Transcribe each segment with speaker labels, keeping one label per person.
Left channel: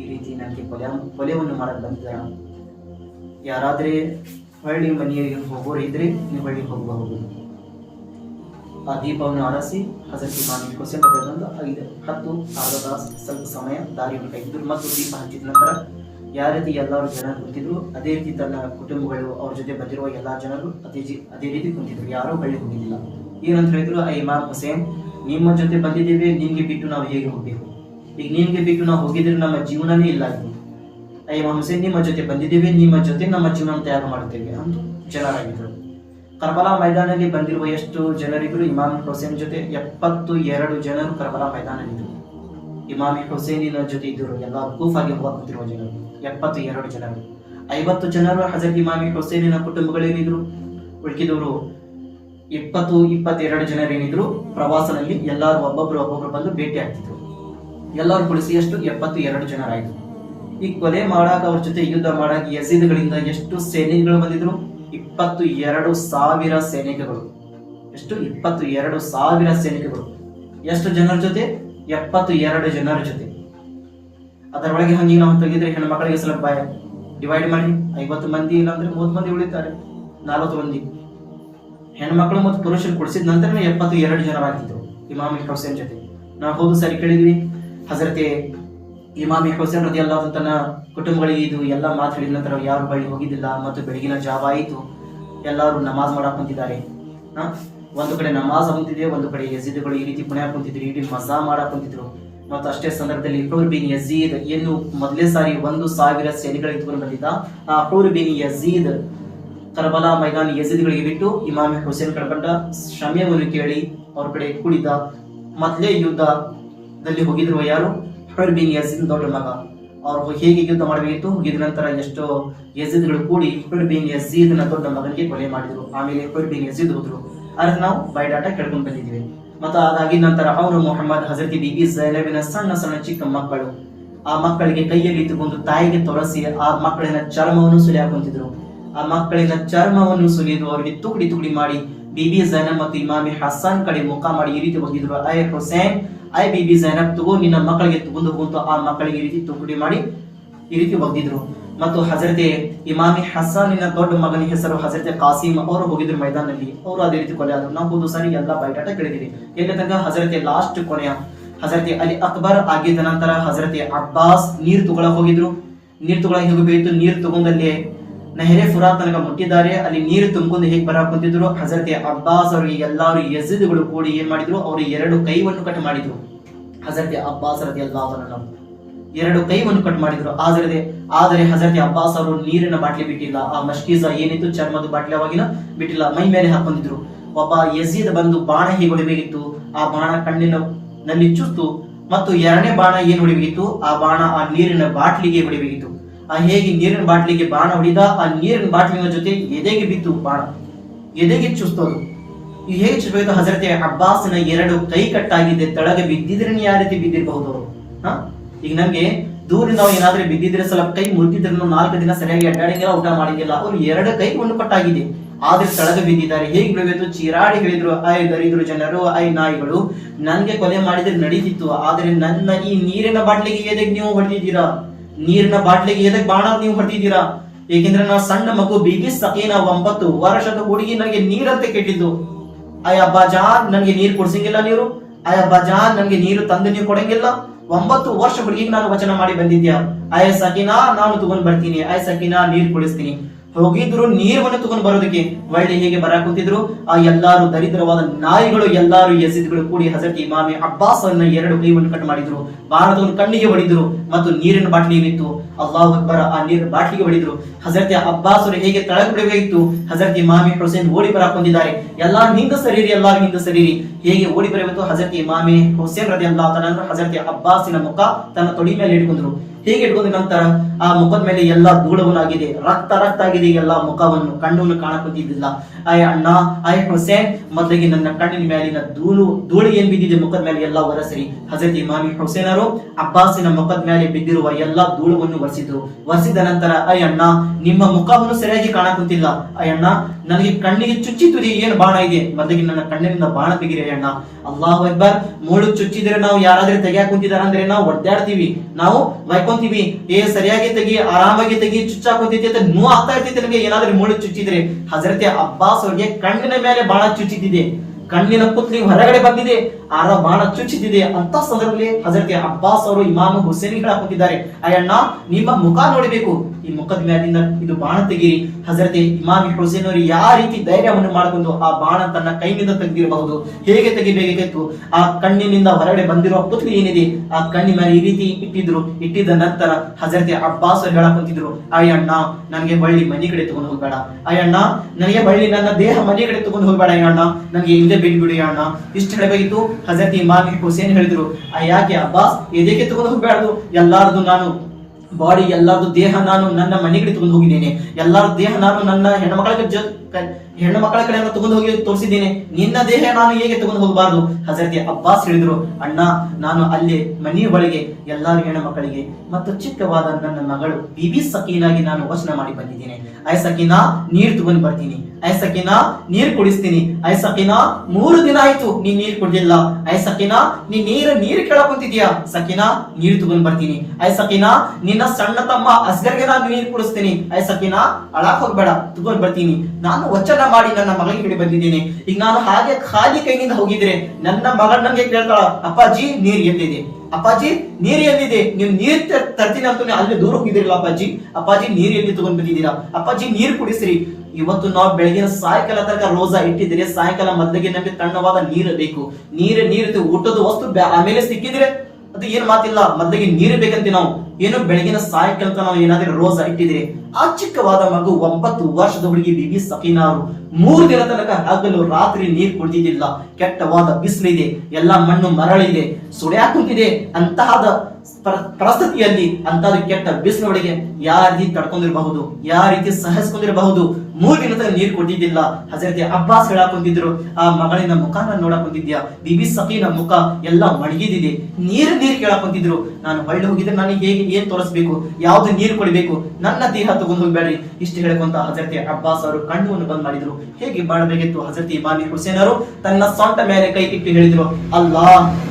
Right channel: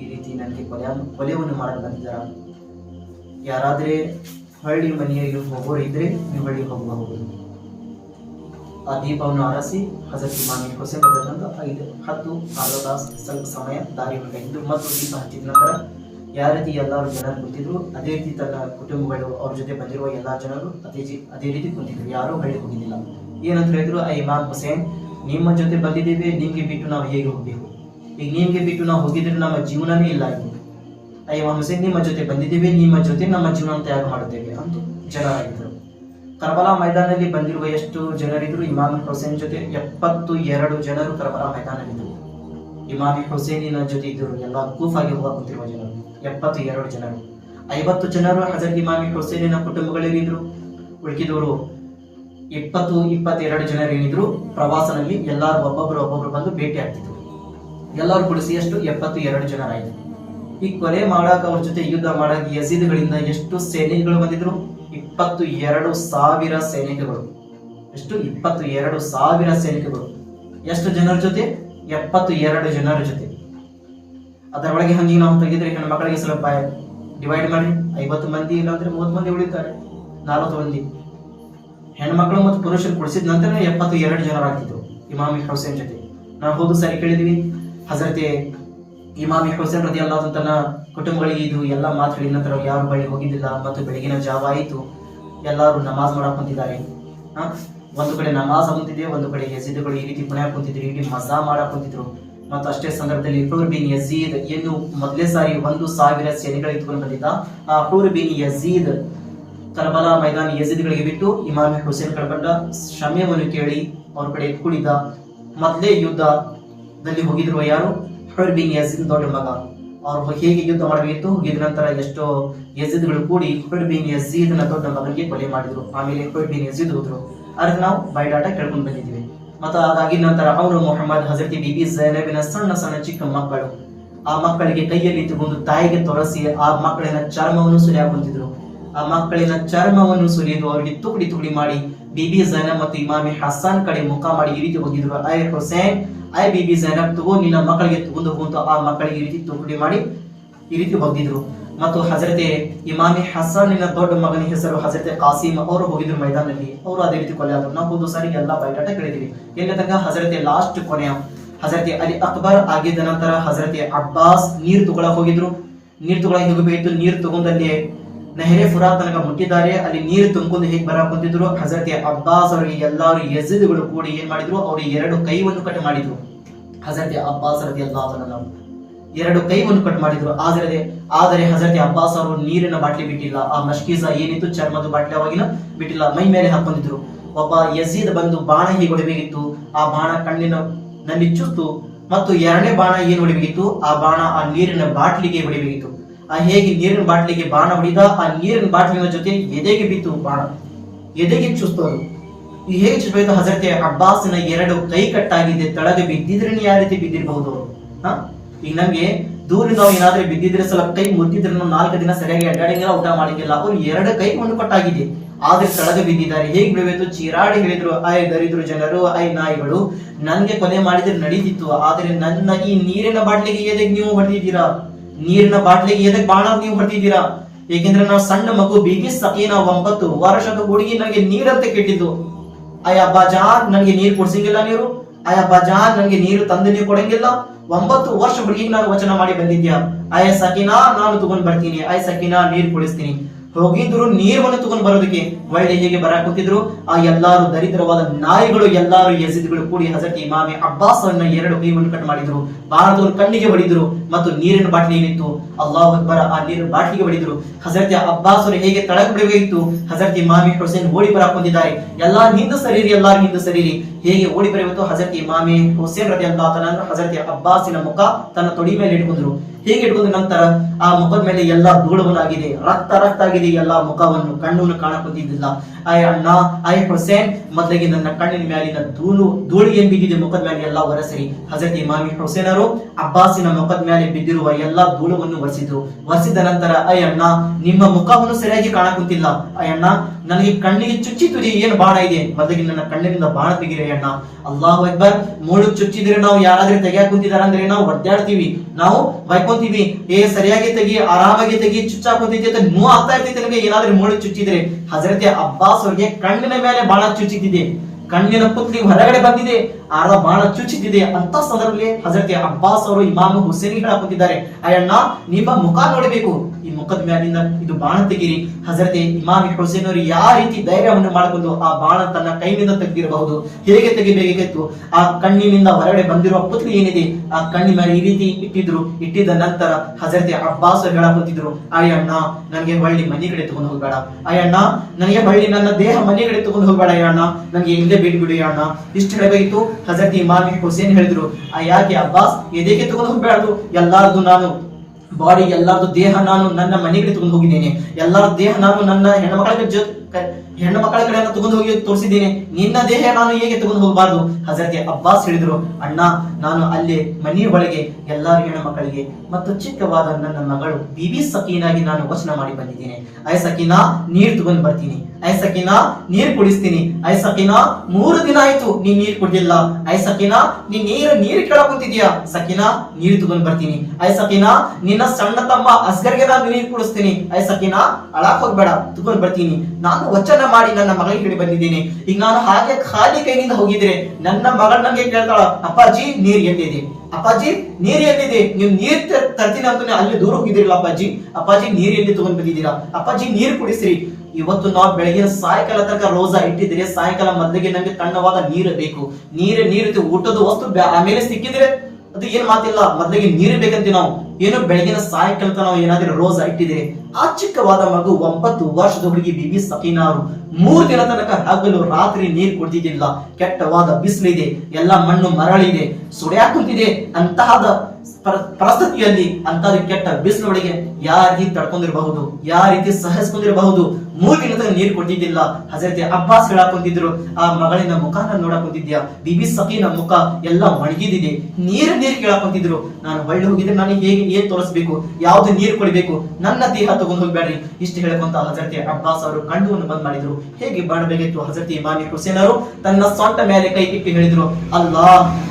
Speaker 1: ಈ ರೀತಿ ನನಗೆ ಕೊಲೆ ಕೊಲೆಯನ್ನು ಮಾಡಕ್ ಬಂದಿದ್ದಾರ. ಯಾರಾದ್ರೆ ಹಳ್ಳಿ ಮನೆಗೆ ಹೋಗೋರು ಇದ್ರೆ ನೀವು ಹಳ್ಳಿ ಹೋಗಬಹುದು. ಆ ದೀಪವನ್ನು ಆರಿಸಿ ಹಜರತ್ ಇಮಾಮಿ ಹುಸೇನ್ ಐದು, ಹತ್ತು, ಅರ್ಧ ಸ್ವಲ್ಪ ಸಮಯ ದಾರಿಯನ್ನು ಕೈದಿದ್ರು ಮತ್ತು ದೀಪ ಹಚ್ಚಿದ ನಂತರ ಯಾವ ರೀತಿ ಎಲ್ಲರೂ ಜನರು ಕುಂತಿದ್ರು, ಅದೇ ರೀತಿ ತನ್ನ ಕುಟುಂಬಗಳು ಅವ್ರ ಜೊತೆ ಬಂದಿರುವ ಎಲ್ಲ ಜನರು ಅದೇ ಅದೇ ರೀತಿ ಕುಂತಿದ್ರು. ಯಾರೂ ಹಳ್ಳಿ ಹೋಗಿದ್ದಿಲ್ಲ. ಏನಂತ ಹೇಳಿದ್ರು ಇಮಾಮ್ ಹುಸೇನ್, ನಿಮ್ಮ ಜೊತೆ ಬಂದಿದ್ದೇವೆ, ನಿಮ್ಗೆ ಬಿಟ್ಟು ನಾವು ಹೇಗೆ ಹೋಗ್ಬೇಕು? ಈಗ ನಿನ್ಗೆ ಬಿಟ್ಟು ನಾವು ಹೋಗಿದ್ರೆ ನಮ್ಮ ಜೀವನನೇ ಇಲ್ಲ ಅಯ್ಯ ಮಹಮಸೆ ನಿಮ್ಮ ಜೊತೆ ಬಂದಿದ್ದೇವೆ, ನಿಮ್ಮ ಜೊತೆ ನಮ್ಮ ಜೀವನ ತ್ಯಾಗ ಮಾಡುತ್ತೇವೆ ಅಂತ ಜನರಾಗಿದ್ದರು ಕರ್ಬಲಾ ಮೈದಾನದಲ್ಲಿ ಬಂದಿರುವ ಎಷ್ಟು ಜನರಿದ್ರು, ಇಮಾಮ್ ಹುಸೇನ್ ಜೊತೆ ಎಪ್ಪತ್ತು ಎರಡು ಜನರು ಕರ್ಬಲಾ ಮೈದಾನದಲ್ಲಿದ್ದರು. ಇಮಾಮ್ ಹುಸೇನಿನ ಜೊತೆ ಇದ್ದರು, ಎಲ್ಲ ಕೂಫಾಗಿ ಹೋಗುತ್ತಿರುವ ಜನರು, ಎಪ್ಪತ್ತು ಎರಡು ಜನರು. ಐವತ್ತು ಜನರು ಹಜರತ್ ಇಮಾಮಿ ಹುಸೇನಿನ ಕುಟುಂಬಗಳೇನಿದ್ರು ಉಳಿಕಿದವರು ಇಪ್ಪತ್ತು, ಇಪ್ಪತ್ತೆರಡು ಜನರೇನಿದ್ರು ಪ್ರವಾಸದಲ್ಲಿ ಎಲ್ಲರೂ ಒಬ್ಬೊಬ್ರು ಒಬ್ಬೊಬ್ರು ಬಂದು ಭೇಟಿ ಆಗ್ತಿದ್ರು. ಎಲ್ಲರೂ ಕುಡಿಸಿ ಎಷ್ಟು ಎಪ್ಪತ್ತು ಎರಡು ಜನರಾಯಿತು. ಈ ಕೊಲೆ ಮಾಡಾಕ ಅವ್ರ ಜೊತೆ ಯುದ್ಧ ಮಾಡಾಕ ಯಸೀದ್ಗಳಿಂದ ಎಷ್ಟು ಸೈನಿಕಗಳು ಬಂದಿದ್ರು? ಇಪ್ಪತ್ತು ಎರಡು ಸಾವಿರ ಸೈನಿಕಗಳು. ಎಷ್ಟು? ಇಪ್ಪತ್ತು ಎರಡು ಸಾವಿರ ಸೈನಿಕಗಳು. ಎಷ್ಟು ಜನರ ಜೊತೆ? ಎಪ್ಪತ್ತು ಎರಡು ಜನರ ಜೊತೆ. ಅದರ ಒಳಗೆ ಹಂಗೆ ನಾವು ತೆಗೆದ್ರೆ ಹೆಣ್ಣು ಮಕ್ಕಳಿಗೆ ಸ್ವಲ್ಪ ಡಿವೈಡ್ ಮಾಡಿ. ಐವತ್ತು ಮಂದಿ ಇಲ್ಲಾಂದ್ರೆ ಮೂವತ್ತು ಮಂದಿ ಉಳಿತಾರೆ. ನಲವತ್ತು ಮಂದಿ. ಹೆಣ್ಮಕ್ಳು ಮತ್ತು ಪುರುಷರು ಕುಡಿಸಿದ ನಂತರನೇ ಎಪ್ಪತ್ತು ಎರಡು ಜನರಾಗ್ತಿದ್ರು ಇಮಾಮಿ ಹುಸೇನ್ ಜೊತೆ. ನಾವು ಹೋದ ಸರಿ ಕೇಳಿದ್ವಿ. ಹಜರತೆ ಇಮಾಮಿ ಹುಸೇನ್ ರದಿ ಅಲ್ಲ ತನ್ನ ಕುಟುಂಬಗಳಿಗೆ ಇದು ಎಲ್ಲ ಮಾತು ಹೇಳಿದ ನಂತರ ಯಾರು ಬಳಿ ಹೋಗಿದ್ದಿಲ್ಲ ಮತ್ತು ಬೆಳಗಿನ ಜಾವ ಆಯಿತು. ಎಲ್ಲರೂ ನಮಾಜ್ ಮಾಡಕ್ಕೆ ಕುಂತಿದ್ದಾರೆ. ಒಂದು ಕಡೆ ನಮಾಜ್ ಕುಂತಿದೆ ಒಂದು ಕಡೆ ಯಜೀದ್ಗಳು ಈ ರೀತಿ ಪುಣ್ಯ ಕುಂತಿದ್ರು ಇಡೀ ಮಜಾ ಮಾಡಕ್ಕೆ ಕುಂತಿದ್ರು. ಮತ್ತು ಅಷ್ಟೇ ಸಂದರ್ಭದಲ್ಲಿ ಹೂರ್ ಬಿನ್ ಯಜೀದ್ ಏನು ಮೊದಲೇ ಸಾರಿ ಒಂದು ಸಾವಿರ ಸೇನೆಗಳ ಇಟ್ಕೊಂಡು ಬಂದಿದ್ದ. ಆ ಹೂರ್ ಬಿನ್ ಯಜೀದ್ ಕರಬಲ ಮೈದಾನ ಯಜೀದ್ಗಳಿಗೆ ಬಿಟ್ಟು ಇಮಾಮಿ ಹುಸೇನ್ ಕಳ್ಕೊಂಡ ಕ್ಷಮೆಯನ್ನು ಕೇಳಿ ಅವ್ರ ಕಡೆ ಕೂಡಿದ್ದ. ಮೊದಲೇ ಯುದ್ಧದಲ್ಲಿ ಹೋಗಿದ್ರು ಯಾರು? ಹೂರ್ ಬಿನ್ ಯಸಿನ್ ದೊಡ್ಡ ಮಗ. ಅವ್ರು ಹೇಗೆ ಯುದ್ಧ ಮಾಡಬೇಕಿತ್ತು? ಹೋಗಿದ ನಂತರ ಎಷ್ಟೋ ಯಜೀದ್ಗಳು ಕೂಡಿ ಹೂರ್ ಬಿನ್ ಯಜೀದ್ನ ದೊಡ್ಡ ಮಗನಿಗೆ ಕೊಲೆ ಮಾಡಿದ್ರು. ಆಮೇಲೆ ಹೂರ್ ಬಿನ್ ಯಜೀದ್ ಹೋದ್ರು. ಅದಕ್ಕೆ ನಾವು ಬೈಡಾಟ ಕೇಳ್ಕೊಂಡು ಬಂದಿದ್ದೀವಿ. ಮತ್ತು ಅದಾಗಿದ ನಂತರ ಅವರು ಮೊಹಮ್ಮದ್ ಹಜರತಿ ಬಿಬಿ ಜೈನಬಿನ ಸಣ್ಣ ಸಣ್ಣ ಚಿಕ್ಕ ಮಕ್ಕಳು. ಆ ಮಕ್ಕಳಿಗೆ ಕೈಯಲ್ಲಿ ತಗೊಂಡು ತಾಯಿಗೆ ತೊರಸಿ ಆ ಮಕ್ಕಳಿನ ಚರ್ಮವನ್ನು ಸುಲಿಯಾಕೊಂತಿದ್ರು ಆ ಮಕ್ಕಳಿನ ಚರ್ಮವನ್ನು ಸುಲಿದು ಅವರಿಗೆ ತುಕಡಿ ತುಕಡಿ ಮಾಡಿ ಬಿಬಿ ಜೈನಬ್ ಮತ್ತು ಇಮಾಮಿ ಹಸಾನ್ ಕಡೆ ಮುಖ ಮಾಡಿ ಈ ರೀತಿ ಹೋಗಿದ್ರು. ಐ ಹುಸೇನ್ ಐ ಬಿ ಜೈನಬ್ ತಗೋ ನಿನ್ನ ಮಕ್ಕಳಿಗೆ ತಗೊಂಡು ಹೋಗುವಂತ ಆ ಮಕ್ಕಳಿಗೆ ಈ ರೀತಿ ತುಕಡಿ ಮಾಡಿ ಈ ರೀತಿ ಹೋಗಿದ್ರು ಮತ್ತು ಹಜರತೆ ಇಮಾಮಿ ಹಸಾನಿನ ದೊಡ್ಡ ಮಗನ ಹೆಸರು ಹಜರತೆ ಕಾಸಿಮ್ ಅವರು ಹೋಗಿದ್ರು ಮೈದಾನದಲ್ಲಿ ಅವರು ಅದೇ ರೀತಿ ಕೊಲೆ ಆದ್ರು. ನಾವು ಒಂದು ಸಾರಿ ಎಲ್ಲ ಬೈಟಾಟ ಕೇಳಿದೀವಿ ಎಲ್ಲಿ ತನಕ ಹಜರತೆ ಲಾಸ್ಟ್ ಕೊನೆಯ. ಹಜರತೆ ಅಲಿ ಅಕ್ಬರ್ ಆಗಿದ್ದ ನಂತರ ಹಜರತೆ ಅಬ್ಬಾಸ್ ನೀರು ತಗೊಳಕ್ ಹೋಗಿದ್ರು. ನೀರು ತಗೊಳಕ್ ಹೋಗಬೇಕು ನೀರು ತಗೊಂಡಲ್ಲಿ ನೆಹರೆ ಫುರಾ ತನಕ ಮುಟ್ಟಿದ್ದಾರೆ. ಅಲ್ಲಿ ನೀರು ತುಂಬಿಕೊಂಡು ಹೇಗೆ ಬರಕ್ ಹಜರತ್ ಅಬ್ಬಾಸ್ ಅವರಿಗೆ ಎಲ್ಲಾರು ಯಜಿದ್ಗಳು ಕೂಡಿ ಏನ್ ಮಾಡಿದ್ರು? ಅವರು ಎರಡು ಕೈವನ್ನು ಕಟ್ ಮಾಡಿದ್ರು. ಹಜರತ್ ಅಬ್ಬಾಸ್ ರದಿ ಅಲ್ಲಾಹ್ ಎರಡು ಕೈವನ್ನು ಕಟ್ ಮಾಡಿದ್ರು. ಆದರೆ ಆದರೆ ಹಜರತ್ ಅಬ್ಬಾಸ್ ಅವರು ನೀರಿನ ಬಾಟ್ಲಿ ಬಿಟ್ಟಿಲ್ಲ. ಆ ಮಶ್ಕೀಸ ಏನಿತ್ತು? ಚರ್ಮದ ಬಾಟ್ಲಿ ಅವಾಗಿನ ಬಿಟ್ಟಿಲ್ಲ. ಮೈ ಮೇಲೆ ಹಾಕೊಂಡಿದ್ರು ಒಬ್ಬ ಯಜೀದ್ ಬಂದು ಬಾಣ ಹೇಗೆ ಹೊಡಿಬೇಕಿತ್ತು ಆ ಬಾಣ ಕಣ್ಣಿನ ನಲ್ಲಿ ಚುಸ್ತು ಮತ್ತು ಎರಡನೇ ಬಾಣ ಏನ್ ಹೊಡಿಬೇಕಿತ್ತು ಆ ಬಾಣ ಆ ನೀರಿನ ಬಾಟ್ಲಿಗೆ ಹೊಡಿಬೇಕಿತ್ತು ಆ ಹೇಗೆ ನೀರಿನ ಬಾಟ್ಲಿಗೆ ಬಾಣ ಹೊಡಿದ, ಆ ನೀರಿನ ಬಾಟ್ಲಿನ ಜೊತೆ ಎದೆಗೆ ಬಿತ್ತು ಬಾಣ. ಎದೆಗೆ ಚುಸ್ತೋದು ಹೇಗೆ ಹಜರತಿ ಹಜರತೆ ಅಬ್ಬಾಸ್ನ ಎರಡು ಕೈ ಕಟ್ಟಾಗಿದೆ, ತಳಗೆ ಬಿದ್ದಿದ್ರೆ ಯಾವ ರೀತಿ ಬಿದ್ದಿರಬಹುದು ಅವರು? ಹಾ? ಈಗ ನಮ್ಗೆ ದೂರಿಂದ ನಾವು ಏನಾದ್ರೆ ಬಿದ್ದಿದ್ರೆ ಸ್ವಲ್ಪ ಕೈ ಮುರಿದಿದ್ರು ನಾಲ್ಕು ದಿನ ಸರಿಯಾಗಿ ಅಡ್ಡಾಡಿದ್ರೆ ಊಟ ಮಾಡಿದಿಲ್ಲ ಅವ್ರು ಎರಡು ಕೈ ಒಂದು ಕಟ್ಟಾಗಿದೆ. ಆದ್ರೆ ತಳಗೆ ಬಿದ್ದಿದ್ದಾರೆ. ಹೇಗೆ ಬಿಡಬೇಕು? ಚೀರಾಡಿ ಹೇಳಿದ್ರು, ಆಯ್ ದರಿದ್ರು ಜನರು, ಆಯ್ ನಾಯಿಗಳು, ನನ್ಗೆ ಕೊಲೆ ಮಾಡಿದ್ರೆ ನಡೀತಿತ್ತು. ಆದ್ರೆ ನನ್ನ ಈ ನೀರಿನ ಬಾಟ್ಲಿಗೆ ಎದೆಗೆ ನೀವು ಹೊಡೆದಿದ್ದೀರಾ? ನೀರಿನ ಬಾಟ್ಲಿಗೆ ಎದಕ್ ಬಾಣ ನೀವು ಹೊಡೆದಿದ್ದೀರಾ? ಏಕೆಂದ್ರೆ ನಾವು ಸಣ್ಣ ಮಗು ಬಿಬಿ ಸಕೀನ ಒಂಬತ್ತು ವರ್ಷದ ಹುಡುಗಿ ನನಗೆ ನೀರಂತೆ ಕೆಟ್ಟಿದ್ದು. ಅಯ್ಯ ಬಜಾರ್ ನನಗೆ ನೀರು ಕುಡಿಸಂಗಿಲ್ಲ ನೀರು. ಆಯ್ ಬಜಾರ್ ನನಗೆ ನೀರು ತಂದು ನೀವು ಕೊಡಂಗಿಲ್ಲ. ಒಂಬತ್ತು ವರ್ಷ ಹುಡುಗಿಗೆ ನಾನು ವಚನ ಮಾಡಿ ಬಂದಿದ್ಯಾ? ಆಯ ಸಕೀನಾ ನಾನು ತಗೊಂಡ್ ಬರ್ತೀನಿ. ಆಯ ಸಕೀನಾ ನೀರು ಕುಡಿಸ್ತೀನಿ. ಹೋಗಿದ್ರು, ನೀರ್ವನ್ನು ತಗೊಂಡು ಬರೋದಕ್ಕೆ ಒಳ್ಳೆ ಹೀಗೆ ಕುಂತಿದ್ರು. ಆ ಎಲ್ಲಾರು ದರಿದ್ರವಾದ ನಾಯಿಗಳು, ಎಲ್ಲಾರು ಯಜಿದ್ಗಳು ಕೂಡಿ ಹಜರತ್ ಇಮಾಮಿ ಅಬ್ಬಾಸ್ ಅನ್ನ ಎರಡು ಕೈವನ್ನು ಕಟ್ ಮಾಡಿದ್ರು. ಭಾರತವನ್ನು ಕಣ್ಣಿಗೆ ಹೊಡಿದ್ರು ಮತ್ತು ನೀರಿನ ಬಾಟ್ಲಿ ಏನಿತ್ತು ಅಲ್ಲಾಹ್ ಅಕ್ಬರ ಆ ನೀರಿನ ಬಾಟ್ಲಿಗೆ ಹೊಡಿದ್ರು ಹಜರತ್ ಅಬ್ಬಾಸ್ ಅವರು ಹೇಗೆ ತಳಗ್ ಬಿಡಬೇಕಿತ್ತು ಹಜರತ್ ಇಮಾಮಿ ಹುಸೇನ್ ಓಡಿ ಬರಕೊಂಡಿದ್ದಾರೆ ಹೊಂದಿದ್ದಾರೆ ಎಲ್ಲಾ ಹಿಂದೆ ಸರೀರಿ, ಎಲ್ಲಾರು ಹಿಂದೆ ಸರೀರಿ. ಹೇಗೆ ಓಡಿ ಬರಬೇಕು ಹಜರತ್ ಇಮಾಮಿ ಹುಸೇನ್ ರತಿ ಅಲ್ಲಾ ತನ್ನ ಹಜರತ್ ಅಬ್ಬಾಸಿನ ಮುಖ ತನ್ನ ತೊಡಿ ಮೇಲೆ ಇಟ್ಕೊಂಡ್ರು. ಹೇಗೆ ಇಟ್ಕೊಂಡ ನಂತರ ಆ ಮುಖದ ಮೇಲೆ ಎಲ್ಲ ಧೂಳವನ್ನಾಗಿದೆ, ರಕ್ತ ರಕ್ತ ಆಗಿದೆ ಎಲ್ಲ ಮುಖವನ್ನು ಕಣ್ಣನ್ನು ಕಾಣಕೊಂಡಿದ್ದಿಲ್ಲ ಆಯ್ ಅಣ್ಣ ಆಯ್ ಹುಸೇನ್, ಮೊದಲಿಗೆ ನನ್ನ ಕಣ್ಣಿನ ಮೇಲಿನ ಧೂಳು ಧೂಳು ಏನ್ ಬಿದ್ದಿದೆ ಮುಖದ ಮೇಲೆ ಎಲ್ಲ ಒರೆಸರಿ. ಹಜರತ್ ಇಮಾಮಿ ಹುಸೇನರು ಅಬ್ಬಾಸಿನ ಮುಖದ ಮೇಲೆ ಬಿದ್ದಿರುವ ಎಲ್ಲ ಧೂಳವನ್ನು ಒರೆಸಿದ್ರು. ಒರೆಸಿದ ನಂತರ ಅಯ್ಯಣ್ಣ ನಿಮ್ಮ ಮುಖವನ್ನು ಸರಿಯಾಗಿ ಕಾಣಕುಂತಿಲ್ಲ. ಅಯ್ಯ ಅಣ್ಣ ನನಗೆ ಕಣ್ಣಿಗೆ ಚುಚ್ಚಿತುರಿ ಏನು ಬಾಣ ಇದೆ? ಮೊದಲಿಗೆ ನನ್ನ ಕಣ್ಣಿನಿಂದ ಬಾಣ ತೆಗಿರಿ ಅಣ್ಣ. ಅಲ್ಲಾಹ್ ಅಕ್ಬರ್, ಮುಳು ಚುಚ್ಚಿದ್ರೆ ನಾವು ಯಾರಾದ್ರೂ ತೆಗಿಯಾಕ ಕುಂತಿದಾರ ಅಂದ್ರೆ ನಾವು ಒದ್ದಾಡ್ತೀವಿ. ನಾವು ವೈಕೊಂತೀವಿ. ಏ, ಸರಿಯಾಗಿ ತೆಗಿ, ಆರಾಮಾಗಿ ತೆಗಿ ಚುಚ್ಚಾ ಕುಂತೈತಿ ಅಂತ ನೋವು ಆಗ್ತಾ ಇರ್ತೈತಿ ನಮಗೆ. ಏನಾದ್ರೂ ಮುಳು ಚುಚ್ಚಿದ್ರೆ. ಹಜರತೆ ಅಬ್ಬಾಸ್ ಅವ್ರಿಗೆ ಕಣ್ಣಿನ ಮೇಲೆ ಬಾಣ ಚುಚ್ಚಿತಿದೆ ಕಣ್ಣಿನ ಪುತ್ಲಿ ಹೊರಗಡೆ ಬಂದಿದೆ ಆರ ಬಾಣ ಚುಚ್ಚಿದ್ದಿದೆ. ಅಂತ ಸಂದರ್ಭದಲ್ಲಿ ಹಜರತ್ ಅಬ್ಬಾಸ್ ಅವರು ಇಮಾಮ ಹುಸೇನ್ ಹೇಳಾಕುತ್ತಿದ್ದಾರೆ ಅಯ್ಯಣ್ಣ, ನಿಮ್ಮ ಮುಖ ನೋಡಬೇಕು. ಈ ಮುಖದ ಮ್ಯಾಲಿಂದ ಇದು ಬಾಣ ತೆಗಿರಿ. ಹಜರತೆ ಇಮಾಮಿ ಹುಸೇನ್ ಅವರು ಯಾವ ರೀತಿ ಧೈರ್ಯವನ್ನು ಮಾಡಿಕೊಂಡು ಆ ಬಾಣ ತನ್ನ ಕೈನಿಂದ ತೆಗೆದಿರಬಹುದು? ಹೇಗೆ ತೆಗಿಬೇಕಿತ್ತು? ಆ ಕಣ್ಣಿನಿಂದ ಹೊರಗಡೆ ಬಂದಿರುವ ಪುತ್ಲಿ ಏನಿದೆ? ಆ ಕಣ್ಣಿನ ಮೇಲೆ ಈ ರೀತಿ ಇಟ್ಟಿದ್ರು. ಇಟ್ಟಿದ ನಂತರ ಹಜರತೆ ಅಬ್ಬಾಸ್ ಅವರು ಅಯ್ಯಣ್ಣ, ನನಗೆ ಬಳ್ಳಿ ಮನೆ ಕಡೆ ತಗೊಂಡು ಹೋಗ್ಬೇಡ. ಅಯ್ಯಣ್ಣ, ನನಗೆ ಬಳ್ಳಿ ನನ್ನ ದೇಹ ಮನೆ ಕಡೆ ತಗೊಂಡು ಹೋಗ್ಬೇಡ, ಅಯ್ಯಣ್ಣ. ನನಗೆ ಇಲ್ಲೇ ಬಿಡಿ ಬಿಡಿ ಅಣ್ಣ. ಇಷ್ಟು ಹೇಳಬೇಕಿತ್ತು ಹಜರತ್ ಇಮಾಮಿ ಹುಸೇನ್ ಹೇಳಿದ್ರು ಯಾಕೆ ಅಬ್ಬಾಸ್ ಎದೇಕೆ ತಗೊಂಡು ಹೋಗ್ಬೇಡದು? ಎಲ್ಲಾರ್ದು ನಾನು ಬಾಡಿ, ಎಲ್ಲಾರ್ದು ದೇಹ ನಾನು ನನ್ನ ಮನೆಗಳಿಗೆ ತಗೊಂಡು ಹೋಗಿದ್ದೇನೆ. ಎಲ್ಲಾರ್ದು ದೇಹ ನಾನು ನನ್ನ ಮಕ್ಕಳಿಗೆ ಕ- ಹೆಣ್ಣು ಮಕ್ಕಳ ಕಡೆ ತಗೊಂಡು ಹೋಗಿ ತೋರಿಸಿದ್ದೇನೆ. ನಿನ್ನ ದೇಹ ನಾನು ಹೇಗೆ ತಗೊಂಡು ಹೋಗಬಾರದು? ಹಜರತಿ ಅಬ್ಬಾಸ್ ಹೇಳಿದ್ರು, ಅಣ್ಣ, ನಾನು ಅಲ್ಲಿ ಮನೆಯ ಒಳಗೆ ಎಲ್ಲಾ ಹೆಣ್ಣು ಮಕ್ಕಳಿಗೆ ಮತ್ತು ಚಿಕ್ಕವಾದ ನನ್ನ ಮಗಳು ಬಿಬಿ ಸಕೀನಾಗಿ ನಾನು ವಚನ ಮಾಡಿ ಬಂದಿದ್ದೇನೆ. ಐ ಸಕೀನಾ, ನೀರು ತಗೊಂಡು ಬರ್ತೀನಿ. ಐ ಸಕೀನಾ, ನೀರು ಕುಡಿಸ್ತೀನಿ. ಐ ಸಕೀನಾ, ಮೂರು ದಿನ ಆಯ್ತು ನೀ ನೀರು ಕುಡಿದಿಲ್ಲ. ಐ ಸಕೀನಾ, ನೀ ನೀರು ನೀರು ಕೇಳಕ್ ಕುಂತಿದ್ಯಾ? ಸಕೀನಾ, ನೀರು ತಗೊಂಡ್ ಬರ್ತೀನಿ. ಐ ಸಕೀನಾ, ನಿನ್ನ ಸಣ್ಣ ತಮ್ಮ ಅಸ್ಗರ್ಗೆ ನಾನು ನೀರು ಕುಡಿಸ್ತೀನಿ. ಐ ಸಕೀನಾ, ಅಳಾಕ್ ಹೋಗ್ಬೇಡ, ತಗೊಂಡ್ ಬರ್ತೀನಿ. ನಾನು ವಚನ ಮಾಡಿ ನನ್ನ ಮಗಳಿಗೆ ಹೇಳಿ ಬಂದಿದ್ದೀನಿ. ಈಗ ನಾನು ಹಾಗೆ ಖಾಲಿ ಕೈನಿಂದ ಹೋಗಿದ್ರೆ ನನ್ನ ಮಗಳ ನಂಗೆ ಕೇಳ್ತಾಳ, ಅಪ್ಪಾಜಿ, ನೀರ್ ಎಲ್ಲಿದೆ? ಅಪ್ಪಾಜಿ, ನೀರ್ ಎಲ್ಲಿದೆ? ನೀವು ನೀರ್ ತರ್ತೀನಿ ಅಂತ ಅಲ್ಲಿ ದೂರ ಹೋಗಿದ್ದೀರಲ್ಲ ಅಪ್ಪಾಜಿ? ಅಪ್ಪಾಜಿ, ನೀರ್ ಎಲ್ಲಿ ತಗೊಂಡ್ ಬಂದಿದ್ದೀರಾ? ಅಪ್ಪಾಜಿ, ನೀರ್ ಕುಡಿಸ್ರಿ. ಇವತ್ತು ನಾವು ಬೆಳಗಿನ ಸಾಯಂಕಾಲ ತನಕ ರೋಜಾ ಇಟ್ಟಿದ್ರೆ ಸಾಯಂಕಾಲ ಮೊದಲಿಗೆ ನಮಗೆ ತಣ್ಣವಾದ ನೀರು ಬೇಕು. ನೀರು ನೀರು ಊಟದ ವಸ್ತು ಆಮೇಲೆ ಸಿಕ್ಕಿದ್ರೆ ಅದು ಏನ್ ಮಾತಿಲ್ಲ? ಮೊದಲಿಗೆ ನೀರು ಬೇಕಂತ ನಾವು. ಏನು ಬೆಳಗಿನ ಸಾಯಂಕಾಲ ನಾವು ಏನಾದ್ರೂ ರೋಸ್ ಇಟ್ಟಿದ್ರೆ ಆ ಚಿಕ್ಕವಾದ ಮಗು ಒಂಬತ್ತು ವರ್ಷದ ಹುಡುಗಿ ಬಿಬಿ ಸಕೀನಾ ಅವರು ಮೂರು ದಿನ ತನಕ ಹಗಲು ರಾತ್ರಿ ನೀರು ಕುಡಿದಿದ್ದಿಲ್ಲ. ಕೆಟ್ಟವಾದ ಬಿಸಿಲಿದೆ ಎಲ್ಲ ಮಣ್ಣು ಮರಳಿದೆ ಸುಡ್ಯಾ ಕುಂತಿದೆ, ಅಂತಹದ ಪರ- ಪರಿಸ್ಥಿತಿಯಲ್ಲಿ ಅಂತಹ ಕೆಟ್ಟ ಬಿಸಿಲೊಳಗೆ ಯಾವ ರೀತಿ ತಡ್ಕೊಂಡಿರಬಹುದು? ಯಾವ ರೀತಿ ಸಹಿಸ್ಕೊಂಡಿರಬಹುದು? ಮೂರು ದಿನದ ನೀರು ಕೊಟ್ಟಿದ್ದಿಲ್ಲ ಹಜರತೆ ಅಬ್ಬಾಸ್ ಹೇಳ ಕುಂತಿದ್ರು ಆ ಮಗಳಿನ ಮುಖಾನ ನೋಡಕ್ ಕುಂತಿದ್ಯಾ? ಬಿಬಿ ಸಫೀನ ಮುಖ ಎಲ್ಲ ಮಣಗಿದಿದೆ ನೀರು ನೀರು ಕೇಳಕ್ ಕುಂತಿದ್ರು ನಾನು ಹೊಳ್ಳಿ ಹೋಗಿದ್ರೆ ನಾನು ಹೇಗೆ ಏನ್ ತೋರಿಸ್ಬೇಕು? ಯಾವ್ದು ನೀರು ಕೊಡಬೇಕು? ನನ್ನ ದೇಹ ತಗೊಂಡು ಹೋಗ್ಬೇಡ್ರಿ. ಇಷ್ಟು ಹೇಳಕೊಂತ ಹಜರತೆ ಅಬ್ಬಾಸ್ ಅವರು ಕಣ್ಣುವನ್ನು ಬಂದ್ ಮಾಡಿದ್ರು. ಹೇಗೆ ಮಾಡಬೇಕಿತ್ತು ಹಜರತಿ ಇಮಾಮಿ ಹುಸೇನರು? ತನ್ನ ಸೊಂಟ ಮೇಲೆ ಕೈ ಇಟ್ಟು ಹೇಳಿದ್ರು, ಅಲ್ಲಾ,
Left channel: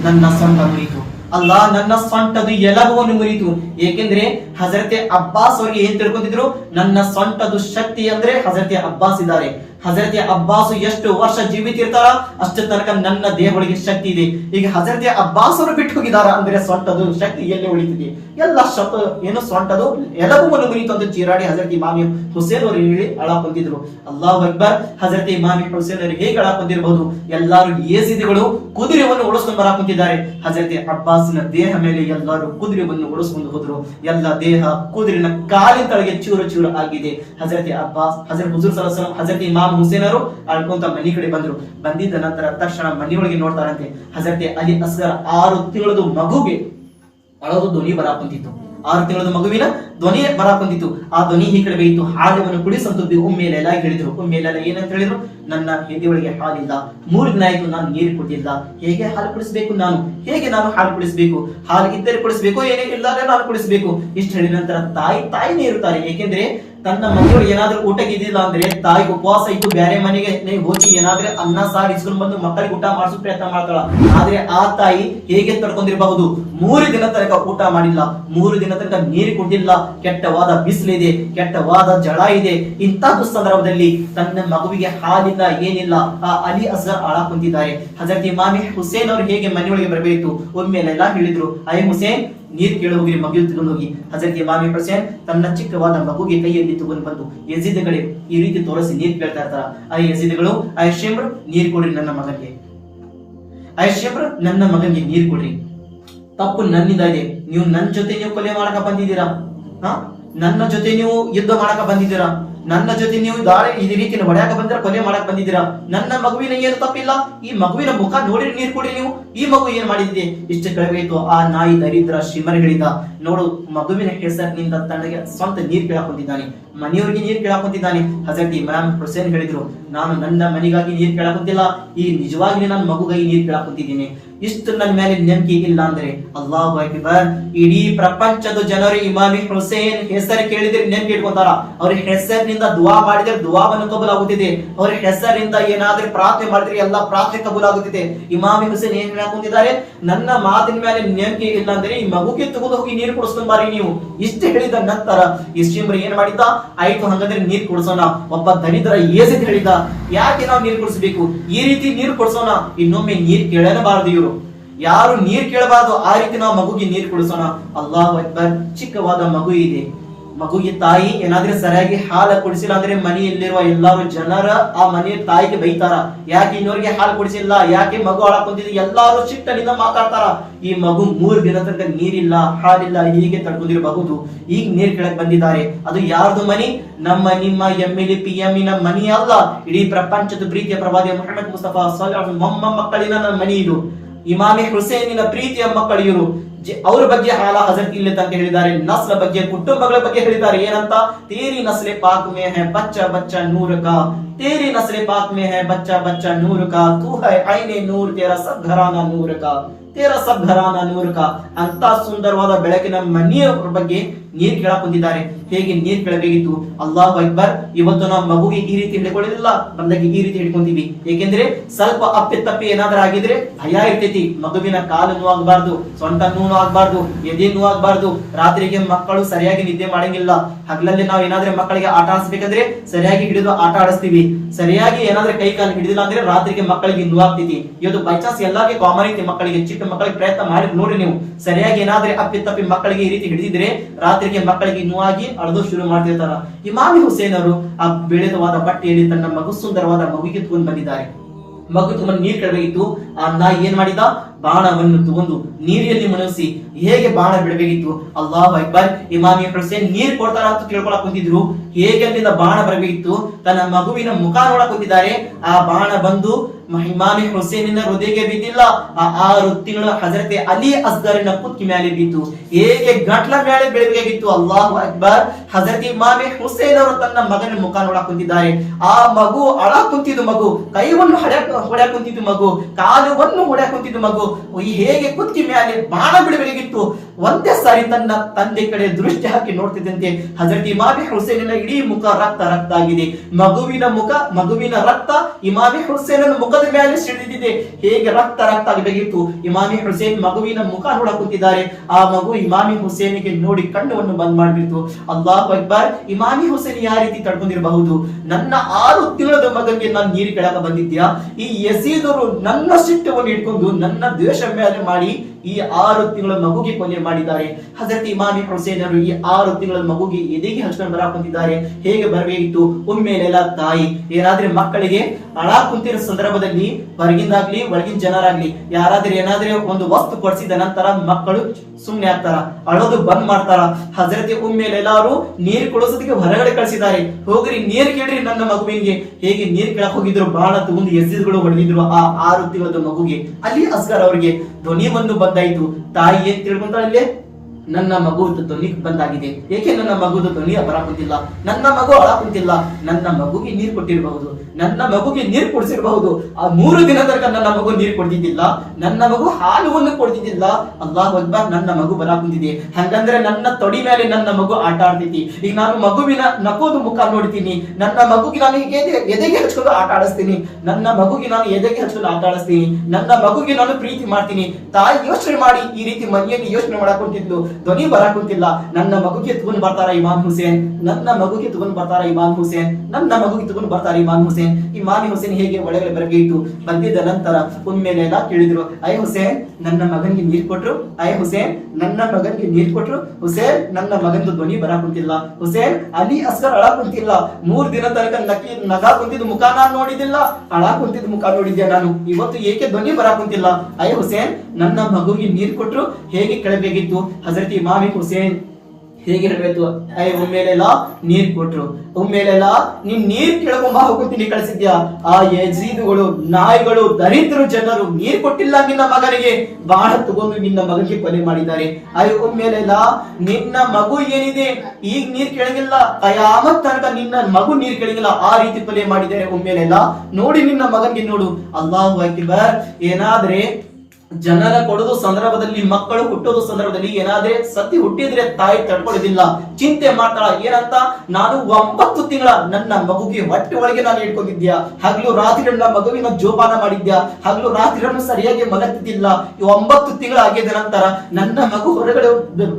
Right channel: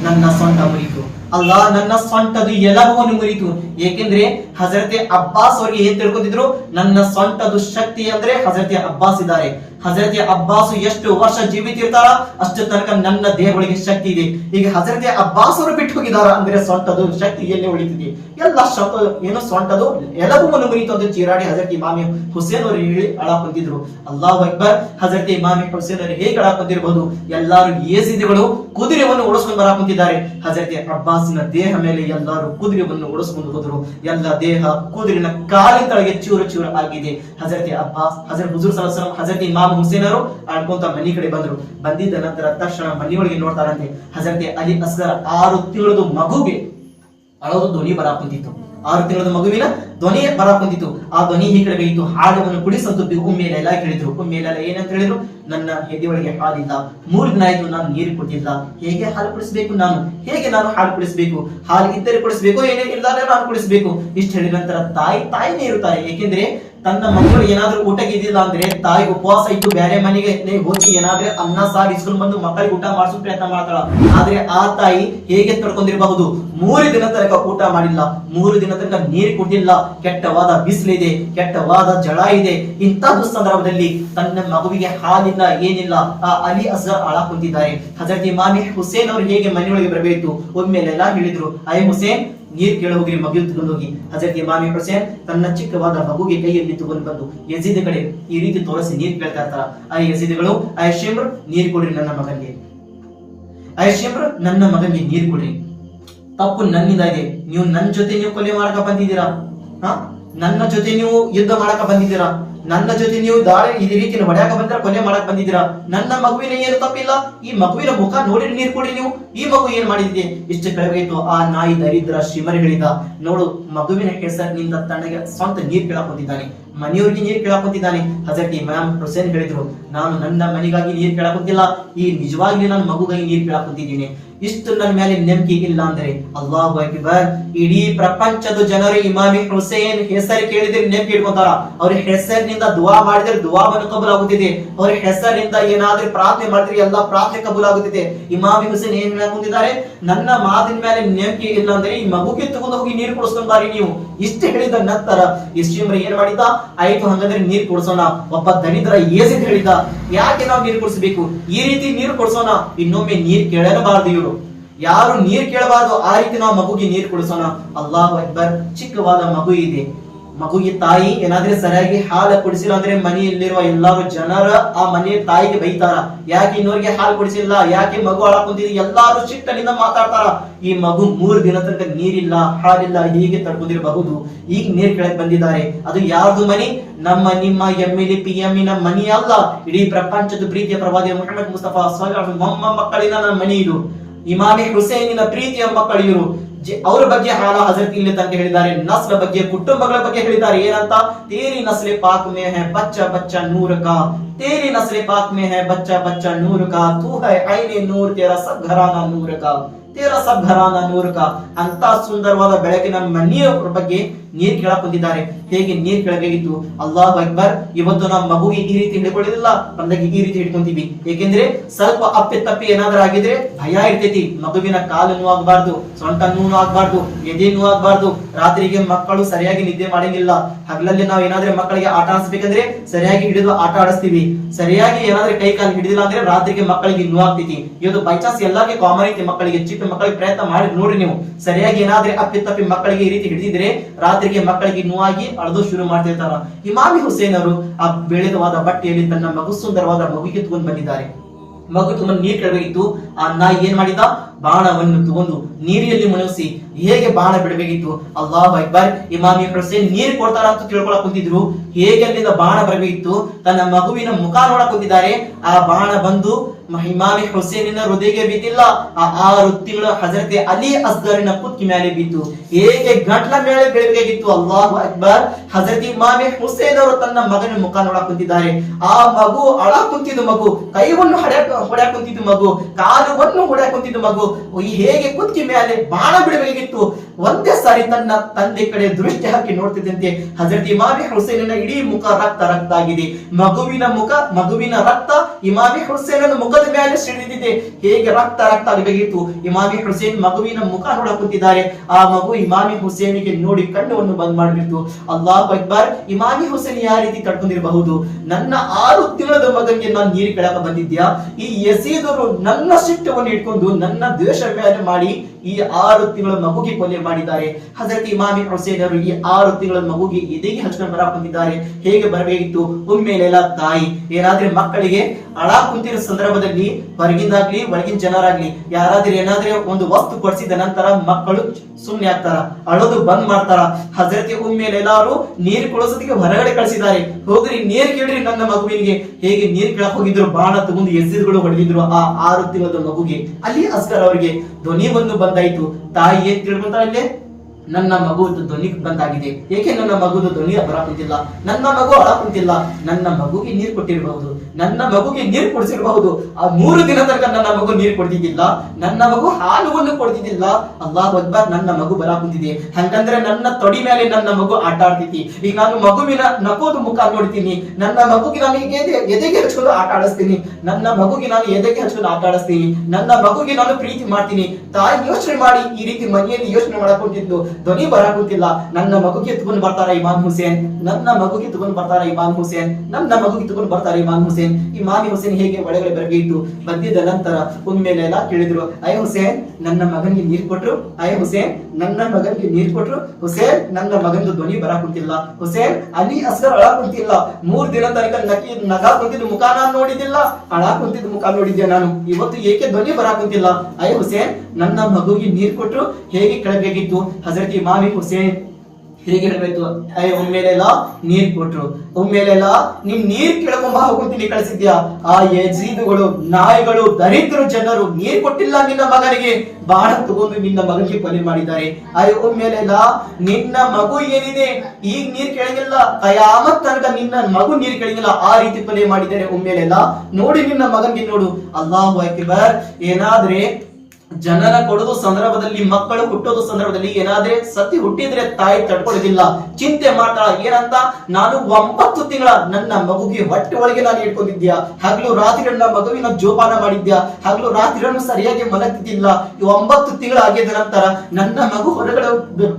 Speaker 1: ನನ್ನ ಸೊಂಟ ಮುರಿತು. ಅಲ್ಲ, ನನ್ನ ಸೊಂಟದು ಎಲಬವನ್ನು ಮುರಿತು ಏಕೆಂದ್ರೆ ಹಜರತೆ ಅಬ್ಬಾಸ್ ಅವರಿಗೆ ಏನ್ ತಿಳ್ಕೊತಿದ್ರು? ನನ್ನ ಸೊಂಟದು ಶಕ್ತಿ ಅಂದ್ರೆ ಹಜರತೆ ಅಬ್ಬಾಸ್ ಇದ್ದಾರೆ. ಹಜರತೆ ಅಬ್ಬಾಸು ಎಷ್ಟು ವರ್ಷ ಜೀವಿತಿರ್ತಾರ ಅಷ್ಟು ತನಕ ನನ್ನ ದೇಹಗಳಿಗೆ ಶಕ್ತಿ ಇದೆ. ಈಗ ಹಜರತೆ ಅಬ್ಬಾಸ್ ಅವರು ಬಿಟ್ಟು ಹೋಗಿದಾರ ಅಂದ್ರೆ ಸೊಂಟದು ಶಕ್ತಿ ಎಲ್ಲಿ ಉಳಿತಿದೆ? ಎಲ್ಲ ಶಬ್ದ ಏನು ಸೊಂಟದು ಎಲಬವನ್ನು ಮುರಿತು ಅಂತ ಚೀರಾಡಿ ಹಜರತ್ ಇಮಾಮಿ ಹುಸೇನ್ ಅವರು ಹೇಳಿ ಅಳ ಹೊಂದಿದ್ರು ಅಲ್ಲಾಹ್ ಅಕ್ಬರ್ ಹಜರತ್ ಇಮಾಮಿ ಹುಸೇನ್ ಅವರು ಹೇಗೆ ಅಳ ಹೊಂದಿರಬಹುದು ಎಲ್ಲಾರು ಏಸಿದಿಗಳು ಕುದುರೆವನ್ನು ಉಳಿಸ್ಕೊಂಡು ಬರ ಕುಂತಿದ್ದಾರೆ. ಹಜರತ್ ಅಬ್ಬಾಸಿನ ದೇಹ ಮೇಲೆ ಎಲ್ಲಾರು ಕುದುರೆವನ್ನು ಉಳಿಸ್ಕೊಂಡು ಹೋದ್ರು. ಎಲ್ಲ ದೇಹ ಕುದುರಿನ ಕಾಲಿನ ತಳಗೆ ಚೂರು ಚೂರು ಆಗಿದೆ. ಹಜರತ್ ಅಬ್ಬಾಸ್ ಹಜರತ್ ಹುಜೂರ್ ಸಲಸಲ ಹಜರತ್ ಇಮಾಮ್ ಹುಸೇನ್ ಹುಸೇನರು ಅಳ್ಕೊಂತ ಮನಿ ಕಡೆ ಬಂದ್ರು. ಬಂದಿದ್ದ ನಂತರ ತಕ್ಷಣ ಮನೆಯೊಳಗೆ ನೋಡ್ತಾರಂತೆ. ಹಜರತೆ ಅಲಿ ಅಸ್ಗರ್ ಆರು ತಿಂಗಳದು ಮಗುಗೆ ಅಳೋದು ಧ್ವನಿ ಬರ ಕುಂತಿತ್ತು. ಆರು ತಿಂಗಳದ ಮಗುವಿನ ಧ್ವನಿ ಬರ ಕುಂತಿತ್ತು. ಆ ಧ್ವನಿ ಈ ಕಡೆ ಬೇಯಿತು. ಹಾಲವನ್ನು ಕುಡಿಸಂತ ಕೇಳಿದ್ರು. ಹೇಳಿದ್ರು ಉಮ್ಮೇಲೆಲ್ಲ ಏನಂತ ಹೇಳಿದ್ರು? ನನ್ನ ಹೆದೆಯೊಳಗೆ ಹಾಲಿಲ್ಲ. ಮೂರು ದಿನ ಆಯ್ತು ನಾನು ನೀರು ಕೊಟ್ಟಿಲ್ಲ ಹೇಗೆ ಹಾಲು ಕುಡಿಸಬೇಕು ನಾನು? ಹೇಗೆ ನಾನು ಹಾಲು ಕುಡಿಸಬೇಕು? ಹಾಲು ಇದ್ದರೆ ಕುಡಿಸಬೇಕು ಏನೇ ಇಲ್ಲ ನಾನು ಕುಡಿಸಬೇಕು. ಇಷ್ಟು ಹೇಳಿದ ನಂತರ ತಾಯಿ ತಾಯಿನೇ ಇರುತ್ತಾರೆ ಏಕೆಂದ್ರೆ ತನ್ನ ಮಕ್ಕಳು ಏನಾದ್ರೂ ಊಟಕ್ಕೆ ಇದ್ದಿಲ್ಲ ಅಂದ್ರೆ ತಾಯಿ ಉಪವಾಸ ಇಟ್ಟು ಬೇರೆ ಮನೆಗೆ ಹೋಗಿ ಏನಾದ್ರೆ ಅನ್ನ ಸಾರು ಇಸ್ಕೊಂಡು ಬಂದು ಮಕ್ಕಳಿಗೆ ಊಟ ಮಾಡಿಸೋ ಪ್ರಯತ್ನ ಮಾಡ್ತಾಳ. ಆದ್ರೆ ಆ ತಾಯಿ ಹೇಗೆ ತಡ್ಕೊಂಡಿರಬಹುದು? ಮೂರು ದಿನ ತನಕ ಊಟ ಮಾಡಿಲ್ಲ. ಮೂರು ದಿನ ತನಕ ನೀರು ಕುಡಿದಿಲ್ಲ. ಕೆಟ್ಟವಾದ ಬಿಸಿಲಿದೆ ಕೆಟ್ಟವಾದ ಜಳ ಇದೆ. ಇಂತಹ ಸಂದರ್ಭದಲ್ಲಿ ತನ್ನ ಮಗುವಿಗೆ ಹಾಲಿಲ್ಲ, ಏನಿಲ್ಲ. ಆ ಅಲಿ ಅಸ್ಗರ್ ಆಳ ಕುಂತಿದ್ದಾರೆ. ಹಜರತ್ ಮಾಮಿ ಹುಸೇನ್ ಅವರು ಹೇಗೆ ಮನೆಯೊಳಗೆ ಬರಬೇಕು? ಒಮ್ಮೆಲೆಲ್ಲ ಹೇಳಿದ್ರು ಐ ಹುಸೇನ್ ನೀರ್ ಕೇಳ ಹೋಗಿ ಮಗು ತಗೊಂಡು ಹೋಗಿ ಅದಕ್ಕೆ ಇಮಾಮಿ ಹುಸೇನ್ ತನ್ನ ಚಿಕ್ಕವಾದ ಮಗುಗೆ ಕೈಯಲ್ಲಿ ತಗೊಂಡು ಬಂದು ಯಜೀದ್ಗಳೇ ಈ ರೀತಿ ತೋರಿಸಿ ನೀರು ಕೇಳ್ತಾ ಇರ್ತಾರ. ಆ ಯಜೀದ್ಗಳು, ಆ ಶಿಮ್ರ, ನೀರು ಕೊಡ್ರಿ ನನ್ನ ಮಗನಿಗೆ. ಆ ನನ್ನ ಮಗನಿಗೆ ನೀರು ಕೊಡ್ರಿ. ತಪ್ಪು ನನ್ನಿಂದ ಇದೆ. ನೀವು ನನ್ನ ಜೊತೆ ನೀವು ಕೊಲೆ ಮಾಡಕ ಬಂದಿದ್ದೀರಾ? ಹಾ? ನನ್ನ ಜೊತೆ ನೀವು ಯುದ್ಧ ಮಾಡಕ ಬಂದಿದ್ದೀರಾ? ನನ್ನ ಜೊತೆ ನೀವು ದಾರಿ ಈ ರೀತಿ ಹೊಡ್ಯಾಕ ಬಂದ್ರೆ ಕೊಲೆ ಮಾಡಕ್ ಬಂದಿದ್ದೀರಾ? ನನ್ನ ಮಗುವಿನ ಏನು ತಪ್ಪಿಲ್ಲ? ಈ ಮಗುವಿನ ಮುಖ ನೋಡಿ ನೀರು ಕೊಡಿ ನೀವು. ಈ ಮಗು ಏನ್ ಮಾಡಿದ್ದೆ ಇಷ್ಟು ಕೆಳಗಾಯ್ತು ಆ ನಾಯಿ ದರಿದ್ರ ಶ್ರೀಮನ್ ಹೇಳಿದ ನೋಡು, ಮಗುವಿನ ಹೆಸರಿನಿಂದ ತಣ್ಣಗೆ ಸ್ವಂತ ನೀರ್ ಕೇಳಕೊಂತಿದ್ದಾನೆ ಮನೆಯವರಿಗೆ ನೀರ್ ಕೇಳಕೊಂತಿದ್ದಾನೆ ಹಜರತ್ ಇಮಾಮ್ ಹುಸೇನ್ ಹೇಳಿದ್ರು, ನಾನು ನನ್ನ ಮನೆಗಾಗಿ ನೀರ್ ಕೇಳಕೊಂತಿಲ್ಲ ಈ ನಿಜವಾಗ್ಲಿ ನನ್ನ ಮಗುಗಾಗಿ ನೀರ್ ಕೇಳಕ್ ಕುಂತಿದ್ದೀನಿ. ಇಷ್ಟು ನನ್ನ ಮೇಲೆ ನಂಬಿಕೆ ಇಲ್ಲ ಅಂದ್ರೆ ಅಲ್ಲಾಹು ಅಕ್ಬರ್. ಇಡೀ ಪ್ರಪಂಚದ ಜನರು ಇಮಾಮಿ ಹುಸೇನ್ ಹೆಸರು ಕೇಳಿದ್ರೆ ನೆನಪಿ ಇಟ್ಕೊಂತಾರ. ಅವ್ರ ಹೆಸರಿನಿಂದ ದುವಾ ಮಾಡಿದ್ರೆ ದುವಾವನ್ನು ಕಬೂಲ್ ಆಗುತ್ತಿದೆ ಅವ್ರ ಹೆಸರಿನಿಂದ ಏನಾದ್ರೂ ಪ್ರಾರ್ಥನೆ ಮಾಡಿದ್ರೆ ಎಲ್ಲ ಪ್ರಾರ್ಥನೆ ಕಬೂಲ್ ಆಗುತ್ತಿದೆ ಇಮಾಮಿ ಹುಸೇನ್ ಏನ್ ಹೇಳಕ್ ನನ್ನ ಮಾತಿನ ಮೇಲೆ ನಂಬಿಕೆ ಇಲ್ಲ ಅಂದ್ರೆ ಈ ಮಗುಗೆ ತಗೊಂಡು ಹೋಗಿ ನೀರು ಕುಡಿಸ್ಕೊಂಡ್ ಬಾರಿ ನೀವು. ಇಷ್ಟು ಹೇಳಿದ ನಂತರ ಇಸ್ಟಿಮ್ರ ಏನ್ ಮಾಡಿದ್ದ? ಆಯ್ತು, ಹಂಗಂದ್ರೆ ನೀರು ಕುಡಿಸೋಣ. ಒಬ್ಬ ದರಿದ್ರ ಏಸಿದ್ ಹೇಳಿದ ಯಾಕೆ ನಾವು ನೀರು ಕುಡಿಸ್ಬೇಕು? ಈ ರೀತಿ ನೀರು ಕುಡಿಸೋಣ. ಇನ್ನೊಮ್ಮೆ ನೀರ್ ಕೇಳಲೇಬಾರದು ಇವರು. ಯಾರು ನೀರ್ ಕೇಳಬಾರ್ದು, ಆ ರೀತಿ ನಾವು ಮಗುಗೆ ನೀರು ಕುಡಿಸೋಣ. ಅಲ್ಲಾಹ್ ಅಕ್ಬರ್, ಚಿಕ್ಕವಾದ ಮಗು ಇದೆ. ಮಗುಗೆ ತಾಯಿ ಏನಾದ್ರೆ ಸರಿಯಾಗಿ ಹಾಲು ಕುಡಿಸಿಲ್ಲ ಅಂದ್ರೆ ಮನೆಯಲ್ಲಿರುವ ಎಲ್ಲಾರು ಜನರ ಆ ಮನೆಯ ತಾಯಿಗೆ ಬೈತಾರ. ಯಾಕೆ ಇನ್ನೋರಿಗೆ ಹಾಲು ಕುಡಿಸಿಲ್ಲ? ಯಾಕೆ ಮಗು ಹಾಳ ಕುಂತಿದೆ? ಎಲ್ಲಾರು ಸಿಟ್ಟನಿಂದ ಮಾತಾಡ್ತಾರ. ಈ ಮಗು ಮೂರ್ ದಿನ ತನಕ ನೀರಿಲ್ಲ, ಹಾಲಿಲ್ಲ, ಹೀಗೆ ತಡ್ಕೊಂಡಿರಬಹುದು. ಈಗ ನೀರ್ ಕೆಳಕ್ ಬಂದಿದ್ದಾರೆ. ಅದು ಯಾರ್ದು ಮನಿ? ನಮ್ಮ, ನಿಮ್ಮ ಎಂ ಎಲ್ ಪಿ ಎಂ ನ ಮನಿ ಅಲ್ಲ ಇಡೀ ಪ್ರಪಂಚದ ಪ್ರೀತಿಯ ಪ್ರವಾದಿ ಮೊಹಮ್ಮದ್ ಮುಸ್ತಫಾ ಸಲ್ಲಲ್ಲಾಹು ಮೊಮ್ಮ ಮಕ್ಕಳಿನ ನನ್ನ ಮನಿ ಇದು. ಇಮಾಮಿ ಹುಸೇನಿನ ಪ್ರೀತಿಯ ಮಕ್ಕಳು ಇವರು ಅವರ ಬಗ್ಗೆ ಹಾಲ ಹಜರತ್ ಇಲ್ಲಿ ತನಕ ಹೇಳಿದ್ದಾರೆ. ನಸ್ಲ ಬಗ್ಗೆ, ಕುಟುಂಬಗಳ ಬಗ್ಗೆ ಹೇಳಿದ್ದಾರೆ. ಏನಂತ? ತೇರಿ ನಸ್ಲೆ ಪಾಕ್ ಮೇ ಹೈ ಬಚ್ಚ ಬಚ್ಚ ನೂರ ಕಾ ತೇರಿ ನಸ್ಲೆ ಪಾಕ್ ಮೇ ಹೈ ಬಚ್ಚ ಬಚ್ಚ ನೂರ ಕಾ ತೂ ಹೈ ಐನೆ ನೂರ್ ತೇರಾ ಸಬ್ ಘರಾನ ನೂರ ಕಾ ತೇರ ಸಬ್ ಘರಾನ ನೂರ ಕಾ ಅಂತ ಸುಂದರವಾದ ಬೆಳಕಿನ ಮನೆಯವರ ಬಗ್ಗೆ ನೀರ್ ಕೇಳಕ್ ಬಂದಿದ್ದಾರೆ. ಹೇಗೆ ನೀರ್ ಕೆಳಗಾಗಿತ್ತು ಅಲ್ಲಾಹ್ ಅಕ್ಬರ್, ಇವತ್ತು ನಾವು ಮಗುಗೆ ಈ ರೀತಿ ಹಿಡ್ಕೊಳ್ಳೋದಿಲ್ಲ ಬಂದಾಗ ಈ ರೀತಿ ಹಿಡ್ಕೊಂತೀವಿ. ಏಕೆಂದ್ರೆ ಸ್ವಲ್ಪ ಅಪ್ಪಿ ತಪ್ಪಿ ಏನಾದ್ರೂ ಆಗಿದ್ರೆ ಭಯ ಇರ್ತೈತಿ. ಮಗುವಿನ ಕಾಲು ನೋವು ಆಗ್ಬಾರ್ದು ಸೊಂಟ ನೋವು ಆಗ್ಬಾರ್ದು, ಎದೆ ನೋವು ಆಗ್ಬಾರ್ದು ರಾತ್ರಿಗೆ ಮಕ್ಕಳು ಸರಿಯಾಗಿ ನಿದ್ದೆ ಮಾಡಂಗಿಲ್ಲ. ಹಗಲಲ್ಲಿ ನಾವು ಏನಾದ್ರೆ ಮಕ್ಕಳಿಗೆ ಆಟ ಆಡಿಸ್ಬೇಕಂದ್ರೆ ಸರಿಯಾಗಿ ಹಿಡಿದು ಆಟ ಆಡಿಸ್ತೀವಿ. ಸರಿಯಾಗಿ ಏನಾದ್ರೆ ಕೈ ಕಾಲು ಹಿಡಿದಿಲ್ಲ ಅಂದ್ರೆ ರಾತ್ರಿಗೆ ಮಕ್ಕಳಿಗೆ ನೋವು ಆಗ್ತೈತಿ ಇವತ್ತು ಬೈ ಚಾನ್ಸ್ ಎಲ್ಲರಿಗೆ ಕಾಮನ್ ಐತಿ. ಮಕ್ಕಳಿಗೆ, ಚಿಕ್ಕ ಮಕ್ಕಳಿಗೆ ಪ್ರಯತ್ನ ಮಾಡಿ ನೋಡ್ರಿ ನೀವು. ಸರಿಯಾಗಿ ಏನಾದ್ರೆ ಅಪ್ಪಿ ತಪ್ಪಿ ಮಕ್ಕಳಿಗೆ ಈ ರೀತಿ ಹಿಡಿದಿದ್ರೆ ರಾತ್ರಿಗೆ ಮಕ್ಕಳಿಗೆ ನೋವಾಗಿ ಅಳದು ಶುರು ಮಾಡ್ತಿರ್ತಾರ. ಇಮಾಮಿ ಹುಸೇನ್ ಅವರು ಆ ಬೆಳೆದವಾದ ಬಟ್ಟೆಯಲ್ಲಿ ತನ್ನ ಮಗು ಸುಂದರವಾದ ಮಗುಗೆ ತಗೊಂಡು ಬಂದಿದ್ದಾರೆ. ಮಗು ತುಂಬ ನೀರ್ ಕೆಡಬೇಕಿತ್ತು ಆ ನಾಯಿ ಏನ್ ಮಾಡಿದ? ಬಾಣವನ್ನು ತಗೊಂಡು ನೀರಿನಲ್ಲಿ ಮುಳುಗಿಸಿ ಹೇಗೆ ಬಾಣ ಬಿಡಬೇಕಿತ್ತು? ಅಲ್ಲಾಹ್ ಅಕ್ಬರ್, ಇಮಾಮಿ ಹುಸೇನ್ ನೀರು ಕೊಡ್ತಾರ ಅಂತ ತಿಳ್ಕೊಳಕ್ ಕುಂತಿದ್ರು. ಹೇಗೆ ಅಲ್ಲಿಂದ ಬಾಣ ಬರಬೇಕಿತ್ತು? ತನ್ನ ಮಗುವಿನ ಮುಖ ನೋಡಕ್ ಕುಂತಿದ್ದಾರೆ. ಆ ಬಾಣ ಬಂದು ಇಮಾಮಿ ಹುಸೇನಿನ ಹೃದಯಗೆ ಬಿದ್ದಿಲ್ಲ ಆ ಆರು ತಿಂಗಳ ಹಜರತೆ ಅಲಿ ಅಸ್ಗರಿನ ಕುತ್ಕಿ ಮೇಲೆ ಬಿತ್ತು ಹೇಗೆ ಗಂಟ್ಲ ಮೇಲೆ ಬೆಳಬೇಕಾಗಿತ್ತು? ಅಲ್ಲಾಹು ಅಕ್ಬರ್, ಹಜರತಿ ಇಮಾಮಿ ಹುಸೇನ್ ಅವರು ತನ್ನ ಮಗನ ಮುಖ ನೋಡಕ್ ಕುಂತಿದ್ದಾರೆ. ಆ ಮಗು ಅಳ ಕುಂತಿದ್ದು ಮಗು, ಕೈವನ್ನು ಹೊಡ್ಯಾಕ ಹೊಡ್ಯಾಕ್ ಕುಂತಿದ್ದು ಮಗು, ಕಾಲುವನ್ನು ಹೊಡ್ಯಾಕ್ ಕುಂತಿದ್ದು ಮಗು. ಈ ಹೇಗೆ ಕುತ್ತಿ ಮೇಲೆ ಬಾಣ ಬಿಡಬೇಕಿತ್ತು ಒಂದೇ ಸಾರಿ ತನ್ನ ತಂದೆ ಕಡೆ ದೃಷ್ಟಿ ಹಾಕಿ ನೋಡ್ತಿದ್ದಂತೆ ಹಜರತ್ ಮಾಬಿ ಹುಸೇನಿನ ಇಡೀ ಮುಖ ರಕ್ತ ರಕ್ತ ಆಗಿದೆ ಮಗುವಿನ ಮುಖ, ಮಗುವಿನ ರಕ್ತ ಇಮಾಮಿ ಹುಸೇನನ ಮುಖದ ಮೇಲೆ ಸಿಡಿದಿದೆ. ಹೇಗೆ ರಕ್ತ ರಕ್ತ ಆಗಬೇಕಿತ್ತು ಇಮಾಮಿ ಹುಸೇನ್ ಮಗುವಿನ ಮುಖ ನೋಡಕುತ್ತಿದ್ದಾರೆ ಆ ಮಗು ಇಮಾಮಿ ಹುಸೇನಿಗೆ ನೋಡಿ ಕಣ್ಣವನ್ನು ಬಂದ್ ಮಾಡ್ಬಿಡ್ತು. ಅಲ್ಲಾಹ್ ಅಕ್ಬರ್, ಇಮಾಮಿ ಹುಸೇನ್ ಯಾವ ರೀತಿ ತಡ್ಕೊಂಡಿರಬಹುದು? ನನ್ನ ಆರು ತಿಂಗಳದ ಮಗನಿಗೆ ನಾನು ನೀರು ಕೆಳಗ ಬಂದಿದ್ಯಾ? ಈ ಯಸೀದರು ನನ್ನ ಸಿಟ್ಟವನ್ನು ಇಟ್ಕೊಂಡು ನನ್ನ ದ್ವೇಷ ಮೇಲೆ ಮಾಡಿ ಈ ಆರು ತಿಂಗಳ ಮಗುಗೆ ಕೊಲೆ ಮಾಡಿದ್ದಾರೆ. ಹಜರತ್ ಇಮಾಮಿ ಹುಸೇನ್ ಅವರು ಈ ಆರು ತಿಂಗಳ ಮಗುಗೆ ಎದೆಗೆ ಹಚ್ಕೊಂಡು ಬರ ಕುಂತಿದ್ದಾರೆ ಹೇಗೆ ಬರಬೇಕಿತ್ತು? ಒಮ್ಮೆಲೆಲ್ಲ ತಾಯಿ, ಏನಾದ್ರೆ ಮಕ್ಕಳಿಗೆ ಅಳ ಕುಂತಿರೋ ಸಂದರ್ಭದಲ್ಲಿ ಹೊರಗಿಂದಾಗ್ಲಿ, ಒಳಗಿನ ಜನರಾಗ್ಲಿ, ಯಾರಾದ್ರೂ ಏನಾದ್ರೆ ಒಂದು ವಸ್ತು ಕೊಡಿಸಿದ ನಂತರ ಮಕ್ಕಳು ಸುಮ್ಮನೆ ಆಗ್ತಾರ, ಅಳೋದು ಬಂದ್ ಮಾಡ್ತಾರ. ಹಜರತಿ ಒಮ್ಮೆಲೆ ಎಲ್ಲಾರು ನೀರು ಕೊಡಿಸೋದಕ್ಕೆ ಹೊರಗಡೆ ಕಳಿಸಿದ್ದಾರೆ. ಹೋಗ್ರಿ, ನೀರ್ ಕೇಳ್ರಿ ನನ್ನ ಮಗುವಿಗೆ ಹೇಗೆ ನೀರ್ ಕೆಳಕ್ ಹೋಗಿದ್ರು? ಬಾಣ ತಗೊಂಡು ಎಸಿದ್ಗಳು ಹೊಡೆದಿದ್ರು ಆ ಆರು ತಿಂಗಳ ಮಗುಗೆ. ಅಲ್ಲಿ ಅಸ್ಗರ್ ಅವರಿಗೆ ಧ್ವನಿ ಒಂದು ಬಂದಾಯ್ತು. ತಾಯಿ ಏನ್ ತಿಳ್ಕೊಂತಾಳೆ ಇಲ್ಲೇ ನನ್ನ ಮಗುವುದು ಧ್ವನಿ ಬಂದಾಗಿದೆ. ಏಕೆ ನನ್ನ ಮಗುದು ಧ್ವನಿ ಬರ ಕುಂತಿಲ್ಲ? ನನ್ನ ಮಗು ಹಳ ಕುಂತಿಲ್ಲ. ನನ್ನ ಮಗುಗೆ ನೀರು ಕೊಟ್ಟಿರಬಹುದು. ನನ್ನ ಮಗುಗೆ ನೀರು ಕೊಡಿಸಿರಬಹುದು. ಆ ಮೂರು ದಿನ ತನಕ ನನ್ನ ಮಗು ನೀರು ಕೊಡ್ತಿದ್ದಿಲ್ಲ ನನ್ನ ಮಗು ಹಾಲುವನ್ನು ಕೊಡ್ತಿದ್ದಿಲ್ಲ ಅಲ್ಲಾಹ್ ಅಕ್ಬರ್ ನನ್ನ ಮಗು ಬರ ಕುಂತಿದೆ. ಹಂಗಂದ್ರೆ ನನ್ನ ತೊಡಿ ಮೇಲೆ ನನ್ನ ಮಗು ಆಟ ಈಗ ನಾನು ಮಗುವಿನ ನಗೋದು ಮುಖ ನೋಡ್ತೀನಿ. ನನ್ನ ಮಗುಗೆ ನಾನು ಎದೆಗೆ ಹಚ್ಕೊಂಡು ಆಟ ಆಡಿಸ್ತೀನಿ. ನನ್ನ ಮಗುಗೆ ನಾನು ಎದೆಗೆ ಹಚ್ಕೊಂಡು ಆಟ ಆಡಿಸ್ತೀನಿ. ನನ್ನ ಮಗುಗೆ ನಾನು ಪ್ರೀತಿ ಮಾಡ್ತೀನಿ. ತಾಯಿ ಯೋಚನೆ ಮಾಡಿ ಈ ರೀತಿ ಮನೆಯಲ್ಲಿ ಯೋಚನೆ ಮಾಡಕ್ ಧ್ವನಿ ಬರಕ್ ಕುಂತಿಲ್ಲ. ನನ್ನ ಮಗುಗೆ ತಗೊಂಡು ಬರ್ತಾರ ಇಮಾಮ್ ಹುಸೇನ್. ನನ್ನ ಮಗುಗೆ ತುಗೊಂಡ್ ಬರ್ತಾರ ಇಮಾಮ್ ಹುಸೇನ್. ನನ್ನ ಮಗುಗೆ ತುಗೊಂಡ್ ಬರ್ತಾರ ಇಮಾಮ್ ಹುಸೇನ್. ಇಮಾಮಿ ಹುಸೇನ್ ಹೇಗೆ ಒಳಗಡೆ ಬರಬೇಕು ಬಂದಿದ್ದ ನಂತರ ಒಮ್ಮೆಲೆ ಎಲ್ಲ ಕೇಳಿದ್ರು ಐ ಹುಸೇನ್, ನನ್ನ ಮಗನಿಗೆ ನೀರ್ ಕೊಟ್ರು? ಐ ಹುಸೇನ್ ನನ್ನ ಮಗನಿಗೆ ನೀರ್ ಕೊಟ್ರು, ಹುಸೇನ್, ನನ್ನ ಮಗನದು ಧ್ವನಿ ಬರ ಕುಂತಿಲ್ಲ. ಹುಸೇನ್ ಅಲಿ ಅಸ್ಕರ್ ಅಳ ಕುಂತಿಲ್ಲ. ಮೂರ್ ದಿನ ತನಕ ನಕಿ ನಗ ಕುಂತಿದ್ ಮುಖ ನಾನು ನೋಡಿದಿಲ್ಲ ಅಳ ಕುಂತಿದ್ ಮುಖ ನೋಡಿದ್ದೆ ನಾನು? ಇವತ್ತು ಏಕೆ ಧ್ವನಿ ಬರ ಕುಂತಿಲ್ಲ? ಅಯ್ಯ ಹುಸೇನ್, ನನ್ನ ಮಗುವಿಗೆ ನೀರ್ ಕೊಟ್ರು ಹೇಗೆ ಕೆಳಬೇಕಿತ್ತು ಹಜರತಿ ಮಾವಿ ಹುಸೇನ್ ಹೇಗೆ ಹೇಳ್ಬೇಕು. ಅಯ್ಯ ಒಮ್ಮೆಲೆಲ್ಲ ನೀರ್ ಕೊಟ್ರು. ಒಮ್ಮೆಲೆಲ್ಲ ನೀನ್ ನೀರ್ ಕೇಳ್ಕೊಂಬ ಹೋಗ್ತೀನಿ ಕಳಿಸಿದ್ಯಾ? ಆ ಯಜೀದುಗಳು, ನಾಯಿಗಳು ದರಿದ್ರ ಜನರು ನೀರ್ ಕೊಟ್ಟಿಲ್ಲ ನಿನ್ನ ಮಗನಿಗೆ. ಬಾಣ ತಗೊಂಡು ನಿನ್ನ ಮಗನಿಗೆ ಕೊಲೆ ಮಾಡಿದ್ದಾರೆ. ಅಯ್ಯ ಒಮ್ಮೆಲೆಲ್ಲ ನಿನ್ನ ಮಗು ಏನಿದೆ? ಈಗ ನೀರ್ ಕೇಳಂಗಿಲ್ಲ. ಕಯಾಮತ್ ತನಕ ನಿನ್ನ ಮಗು ನೀರ್ ಕೇಳಂಗಿಲ್ಲ. ಆ ರೀತಿ ಕೊಲೆ ಮಾಡಿದ್ದಾರೆ ಒಮ್ಮೆಲೆಲ್ಲ ನೋಡಿ ನಿನ್ನ ಮಗನಿಗೆ ನೋಡು. ಅಲ್ಲಾಹು ಅಕ್ಬರ್, ಏನಾದ್ರೆ ಜನನ ಕೊಡೋದು ಸಂದರ್ಭದಲ್ಲಿ, ಮಕ್ಕಳು ಹುಟ್ಟೋದು ಸಂದರ್ಭದಲ್ಲಿ ಏನಾದ್ರೆ ಸತಿ ಹುಟ್ಟಿದ್ರೆ ತಾಯಿ ತಡ್ಕೊಳ್ಳೋದಿಲ್ಲ. ಚಿಂತೆ ಮಾಡ್ತಾಳ, ಏನಂತ? ನಾನು ಒಂಬತ್ತು ತಿಂಗಳ ನನ್ನ ಮಗುಗೆ ಹೊಟ್ಟೆ ಒಳಗೆ ನಾನು ಇಟ್ಕೊಂಡಿದ್ಯಾ? ಹಗಲು ರಾತ್ರಿ ನನ್ನ ಮಗುವಿನ ಜೋಪಾನ ಮಾಡಿದ್ಯಾ? ಹಗಲು ರಾತ್ರಿ ಸರಿಯಾಗಿ ಮಲಗ್ತಿದ್ದಿಲ್ಲ. ಒಂಬತ್ತು ತಿಂಗಳ ಆಗಿದ ನಂತರ ನನ್ನ ಮಗು ಹೊರಗಡೆ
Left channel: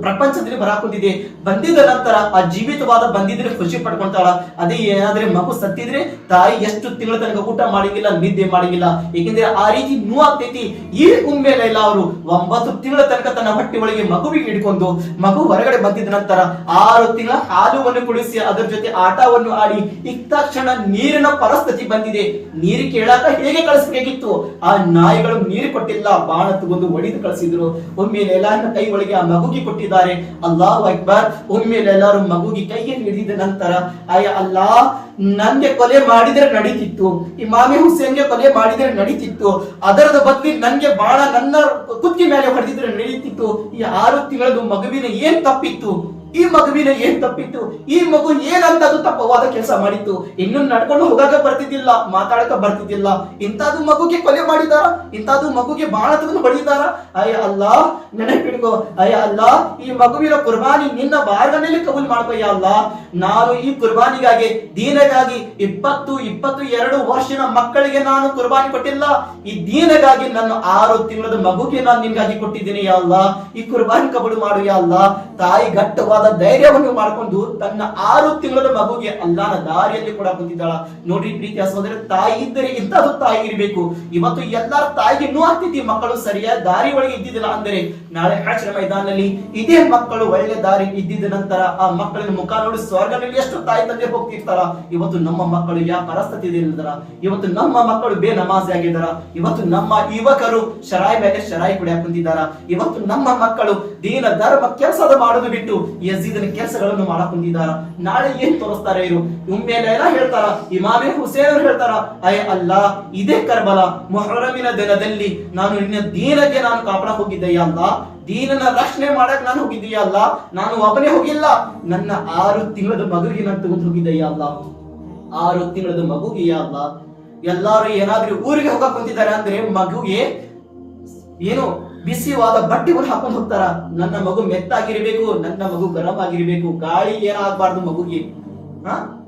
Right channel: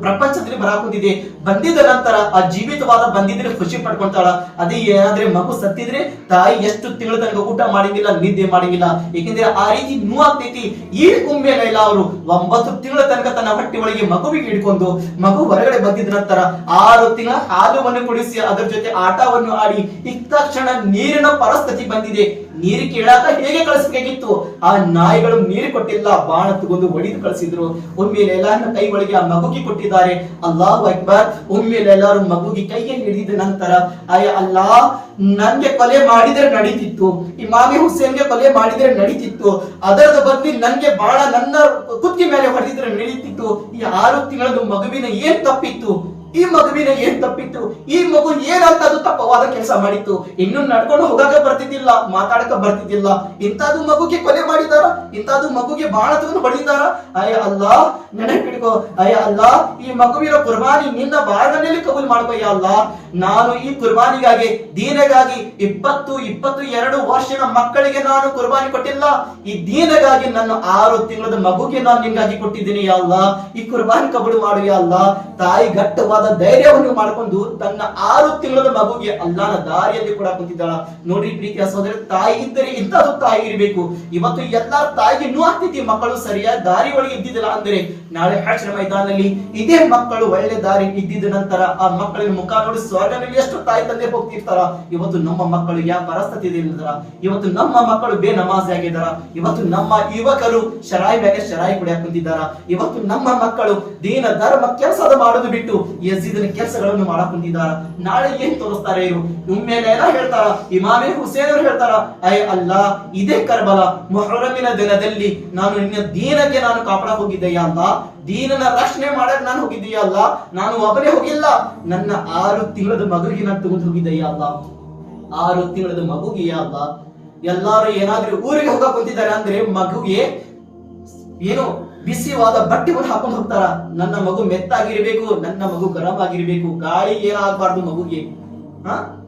Speaker 1: ಪ್ರಪಂಚದಲ್ಲಿ ಬರಾಕೊಂಡಿದೆ. ಬಂದಿದ ನಂತರ ಆ ಜೀವಿತವಾದ ಬಂದಿದ್ರೆ ಖುಷಿ ಪಡ್ಕೊಂತಾಳ. ಅದೇ ಏನಾದ್ರೆ ಮಗು ಸತ್ತಿದ್ರೆ ತಾಯಿ ಎಷ್ಟು ತಿಂಗಳ ತನಕ ಊಟ ಮಾಡಿದ್ದಿಲ್ಲ, ನಿದ್ದೆ ಮಾಡಂಗಿಲ್ಲ ಏಕೆಂದ್ರೆ ಆ ರೀತಿ ನೋವಾಗ್ತೈತಿ. ಈ ಉಮ್ಮೇಲೆ ಎಲ್ಲ ಅವರು ಒಂಬತ್ತು ತಿಂಗಳ ತನಕ ತನ್ನ ಹೊಟ್ಟೆ ಒಳಗೆ ಮಗುವಿಗೆ ಹಿಡ್ಕೊಂಡು ಮಗು ಹೊರಗಡೆ ಬಂದಿದ ನಂತರ ಆರು ತಿಂಗಳ ಹಾಲುವನ್ನು ಕುಡಿಸಿ ಅದರ ಜೊತೆ ಆಟವನ್ನು ಆಡಿ ಇತ್ತಕ್ಷಣ ನೀರಿನ ಪರಿಸ್ಥಿತಿ ಬಂದಿದೆ. ನೀರು ಕೇಳಾಕ ಹೇಗೆ ಕಳಿಸಬೇಕಿತ್ತು ಆ ನಾಯಿಗಳು ನೀರು ಕೊಟ್ಟಿಲ್ಲ, ಬಾಣ ತಗೊಂಡು ಒಡಿದು ಕಳಿಸಿದ್ರು. ಒಮ್ಮೆ ಲೈಲಾನ ಕೈ ಒಳಗೆ ಆ ಮಗುಗೆ ಕೊಟ್ಟಿದ್ದಾರೆ. ಅಲ್ಲಾಹ್ ಅಕ್ಬರ್, ಒಮ್ಮೆ ಲೈಲಾರು ಮಗುಗೆ ಕೈಗೆ ಹಿಡಿದ ನಂತರ, ಅಯ್ಯ ಅಲ್ಲಾ ನನ್ಗೆ ಕೊಲೆ ಮಾಡಿದ್ರೆ ನಡೀತಿತ್ತು. ಇಮಾಮಿ ಹುಸೇನ್ಗೆ ಕೊಲೆ ಮಾಡಿದ್ರೆ ನಡೀತಿತ್ತು. ಅದರದ ಬದಲಿ ನನ್ಗೆ ಬಾಳ ನನ್ನ ಕುತ್ತಿಗೆ ಮೇಲೆ ಹೊಡೆದಿದ್ರೆ ನಡೀತಿತ್ತು. ಈ ಆರು ತಿಂಗಳದು ಮಗುವಿನ ಏನ್ ತಪ್ಪಿತ್ತು? ಈ ಮಗುವಿನ ಏನ್ ತಪ್ಪಿತ್ತು? ಈ ಮಗು ಏನಂತದ್ದು ತಪ್ಪವಾದ ಕೆಲಸ ಮಾಡಿತ್ತು? ಇನ್ನು ನಡ್ಕೊಂಡು ಹೋಗಾಕ ಬರ್ತಿದ್ದಿಲ್ಲ, ಮಾತಾಡಕ ಬರ್ತಿದ್ದಿಲ್ಲ. ಇಂಥದ್ದು ಮಗುಗೆ ಕೊಲೆ ಮಾಡಿದಾರ? ಇಂಥದ್ದು ಮಗುಗೆ ಬಾಳ ತಗೊಂಡು ಬಡಿದಾರ ಅಯ್ಯ ಅಲ್ಲ ನೆನಪಿಡ್ಕೋ ಅಯ್ಯ ಅಲ್ಲ, ಈ ಮಗುವಿನ ಕುರ್ಬಾನಿ ನಿನ್ನ ಬಾರದಲ್ಲಿ ಕಬೂಲ್ ಮಾಡ್ಕೊಯ್ಯ ಅಲ್ಲ. ನಾನು ಈ ಕುರ್ಬಾನಿಗಾಗಿ, ದೀನಗಾಗಿ ಇಪ್ಪತ್ತು ಇಪ್ಪತ್ತು ಎರಡು ವರ್ಷದ ಮಕ್ಕಳಿಗೆ ನಾನು ಕುರ್ಬಾನಿ ಕೊಟ್ಟಿಲ್ಲ. ಈ ದೀನಗಾಗಿ ನನ್ನ ಆರು ತಿಂಗಳದ ಮಗುಗೆ ನಾನು ನಿನ್ಗಾಗಿ ಕೊಟ್ಟಿದ್ದೀನಿ ಅಲ್ಲ. ಈ ಕುರ್ಬಾನಿ ಕಬೂಲ್ ಮಾಡು ಅಲ್ಲ. ತಾಯಿ ಘಟ್ಟವಾದ ಧೈರ್ಯವನ್ನು ಮಾಡಿಕೊಂಡು ತನ್ನ ಆರು ತಿಂಗಳ ಮಗುಗೆ ಅಲ್ಲಾನ ದಾರಿಯಲ್ಲಿ ಕೂಡ ಕುಂತಿದ್ದಾಳ ನೋಡ್ರಿ ಪ್ರೀತಿಯ ಸಹೋದರ ತಾಯಿ ಇದ್ದರೆ ಇಂಥದ್ದು ತಾಯಿ ಇರಬೇಕು. ಇವತ್ತು ಎಲ್ಲಾರ ತಾಯಿಗೆ ಇನ್ನೂ ಆಗ್ತಿದ್ದಿ ಮಕ್ಕಳು ಸರಿಯಾದ ದಾರಿ ಒಳಗೆ ಇದ್ದಿದ್ದಿಲ್ಲ ಅಂದ್ರೆ ನಾಳೆ ಹ್ಯಾಶ್ರ ಮೈದಾನದಲ್ಲಿ ಇದೇ ಮಕ್ಕಳು ಒಳ್ಳೆ ದಾರಿ ಇದ್ದಿದ್ದ ನಂತರ ಆ ಮಕ್ಕಳಿನ ಮುಖ ನೋಡಿ ಸ್ವರ್ಗದಲ್ಲಿ ಎಷ್ಟು ತಾಯಿ ತಂದೆ ಹೋಗ್ತಿರ್ತಾರ. ಇವತ್ತು ನಮ್ಮ ಮಕ್ಕಳು ಯಾವ ಪರಸ್ಥಿತಿ ಇಲ್ಲದರ ಇವತ್ತು ನಮ್ಮ ಮಕ್ಕಳು ಬೇ ನಮಾಜಿ ಆಗಿದಾರ ಇವತ್ತು ನಮ್ಮ ಯುವಕರು ಶರಾಯಿ ಮೇಲೆ ಶರಾಯಿ ಕುಡಿಯಾಕ ಕುಂತಿದ್ದಾರ. ಇವತ್ತು ನಮ್ಮ ಮಕ್ಕಳು ದೀನ ಧರ್ಮ ಕೆಲಸದ ಮಾಡೋದು ಬಿಟ್ಟು ಯಜೀದನ ಕೆಲಸಗಳನ್ನು ಮಾಡಕ್ ನಾಳೆ ಏನ್ ತೋರಿಸ್ತಾರೆ ಇವರು? ಒಮ್ಮೆಲೆ ಎಲ್ಲ ಹೇಳ್ತಾರ. ಇಮಾಮೆ ಹುಸೇನ್ ಅವರು ಹೇಳ್ತಾರ ಅಯ್ಯ ಅಲ್ಲ, ಇದೇ ಕರ್ಬಲ. ಮೊಹರಮಿನ ದಿನದಲ್ಲಿ ನಾನು ನಿನ್ನ ದೀನಕ್ಕೆ ನಾನು ಕಾಪಾಡಕ್ ಹೋಗಿದ್ದೆಯ ಅಲ್ಲ ದೀನನ ರಕ್ಷಣೆ ಮಾಡಕ್ ನಾನು ಹೋಗಿದ್ದೀಯ ಅಲ್ಲ? ನಾನು ಒಬ್ಬನೇ ಹೋಗಿಲ್ಲ. ನನ್ನ ಆರು ತಿಂಗಳದ ಮಗುವಿಗೆ ನಾನು ತಗೊಂಡು ಹೋಗಿದ್ದೆಯ ಅಲ್ಲ? ಆರು ತಿಂಗಳದ ಮಗುಗೆ ಅಲ್ಲ. ಎಲ್ಲಾರು ಏನಾದ್ರೂ ಊರಿಗೆ ಹೋಗಕ್ ಕುಂತಿದ್ದಾರೆ ಅಂದ್ರೆ ಮಗುಗೆ ಏನು? ಬಿಸಿವಾದ ಬಟ್ಟೆವನ್ನು ಹಾಕೊಂಡು ಹೋಗ್ತಾರ? ನನ್ನ ಮಗು ಮೆತ್ತಾಗಿರ್ಬೇಕು, ನನ್ನ ಮಗು ಗರಂ ಆಗಿರ್ಬೇಕು ಗಾಳಿ ಏನಾಗಬಾರ್ದು ಮಗುಗೆ? ಹ?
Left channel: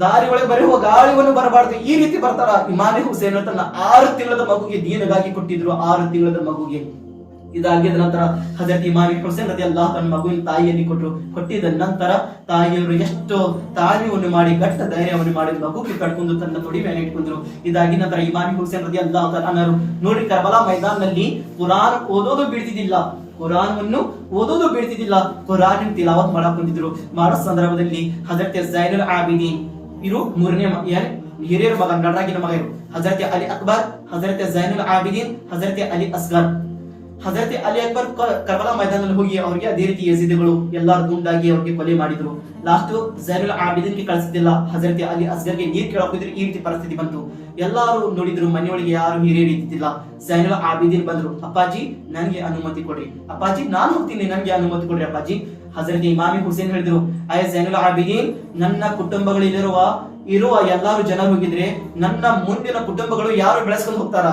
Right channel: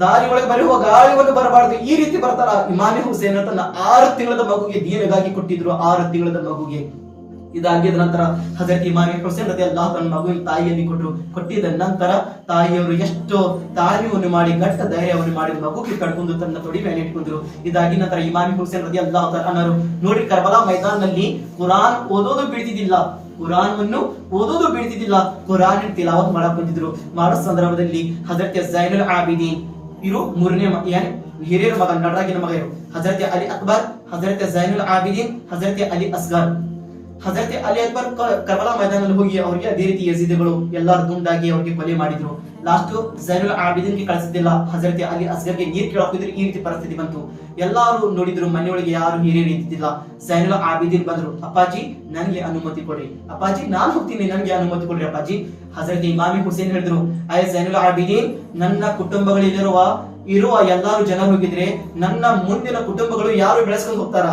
Speaker 1: ದಾರಿ ಒಳಗೆ ಬರೆಯುವ ಗಾಳಿಯನ್ನು ಬರಬಾರ್ದು, ಈ ರೀತಿ ಬರ್ತಾರ? ಇಮಾಮಿ ಹುಸೇನ್ ತನ್ನ ಆರು ತಿಂಗಳದ ಮಗುಗೆ ದೀನಗಾಗಿ ಕೊಟ್ಟಿದ್ರು, ಆರು ತಿಂಗಳದ ಮಗುಗೆ. ಇದಾಗಿದ ನಂತರ ಹಜರತ್ ಇಮಾಮಿ ಹುಸೇನ್ ರದಿ ಅಲ್ಲಾಹ್ ತನ್ನ ಮಗುವಿನ ತಾಯಿಯಲ್ಲಿ ಕೊಟ್ಟರು ಕೊಟ್ಟಿದ ನಂತರ ತಾಯಿಯವರು ಎಷ್ಟು ತಾಳ್ಮೆಯನ್ನು ಮಾಡಿ ಗಟ್ಟ ಧೈರ್ಯವನ್ನು ಮಾಡಿ ಮಗುಗೆ ಕಟ್ಕೊಂಡು ತನ್ನ ತೊಡಿ ಮೇಲೆ ಇಟ್ಕೊಂಡ್ರು. ಇದಾಗಿ ನಂತರ ಇಮಾಮಿ ಹುಸೇನ್ ರದಿ ಅಲ್ಲಾಹ್ ಅನ್ನರು ನೋಡಿ ಕರ್ಬಲಾ ಮೈದಾನದಲ್ಲಿ ಕುರಾನ್ ಓದೋದು ಬಿಡ್ತಿದ್ದಿಲ್ಲ. ಕುರಾನ್ ಅನ್ನು ಓದೋದು ಬಿಡ್ತಿದ್ದಿಲ್ಲ. ಕುರಾನ್ ತಿಲಾವತ್ ಮಾಡಕ್ ಕುಂತಿದ್ರು ಮಾಡೋ ಸಂದರ್ಭದಲ್ಲಿ ಹಜರತ್ ಜೈನುಲ್ ಆಬಿದಿ ಇರು ಮೂರನೇ ಏನ್? ಹಿರಿಯರ ಮಗ, ನಡರಾಗಿನ ಮಗ ಇರು. ಹಜರತ್ ಅಲಿ ಅಕ್ಬರ್, ಹಜರತ್ ಜೈನುಲ್ ಆಬಿದೀನ್, ಹಜರತ್ ಅಲಿ ಅಸ್ಗರ್. ಹಜರತ್ ಅಲಿ ಅಕ್ಬರ್ ಕರ್ಬಲಾ ಮೈದಾನದಲ್ಲಿ ಹೋಗಿ ಅವರಿಗೆ ಅದೇ ರೀತಿ ಯಜೀದಿಗಳು ಎಲ್ಲಾರು ದುಂಡಾಗಿ ಅವ್ರಿಗೆ ಕೊಲೆ ಮಾಡಿದ್ರು. ಲಾಸ್ಟ್ ಜೈನುಲ್ ಆಬಿದಿನ್ಗೆ ಕಳಿಸಿದ್ದಿಲ್ಲ ಹಜರತ್ ಅಲಿ ಅಸ್ಗರ್ಗೆ ನೀರ್ ಕೇಳಕ್ ಹೋಗಿದ್ರೆ ಈ ರೀತಿ ಪರಿಸ್ಥಿತಿ ಬಂತು. ಎಲ್ಲಾರು ನೋಡಿದ್ರು ಮನೆಯೊಳಗೆ ಯಾರು ಹಿರಿಯರು ಇದ್ದಿದ್ದಿಲ್ಲ. ಜೈನುಲ್ ಆಬಿದಿನ್ ಬಂದ್ರು. ಅಪ್ಪಾಜಿ, ನನಗೆ ಅನುಮತಿ ಕೊಡ್ರಿ. ಅಪ್ಪಾಜಿ, ನಾನು ಹೋಗ್ತೀನಿ. ನನಗೆ ಅನುಮತಿ ಕೊಡ್ರಿ ಅಪ್ಪಾಜಿ. ಹಜರತ್ ಇಮಾಮಿ ಹುಸೇನ್ ಹೇಳಿದ್ರು ಆಯ್ ಜೈನುಲ್ ಆಬಿದಿನ್, ನನ್ನ ಕುಟುಂಬಗಳಿರುವ ಇರುವ ಎಲ್ಲಾರು ಜನ ಹೋಗಿದ್ರೆ ನನ್ನ ಮುಂದಿನ ಕುಟುಂಬಗಳು ಯಾರು ಬೆಳೆಸ್ಕೊಂಡು ಹೋಗ್ತಾರ?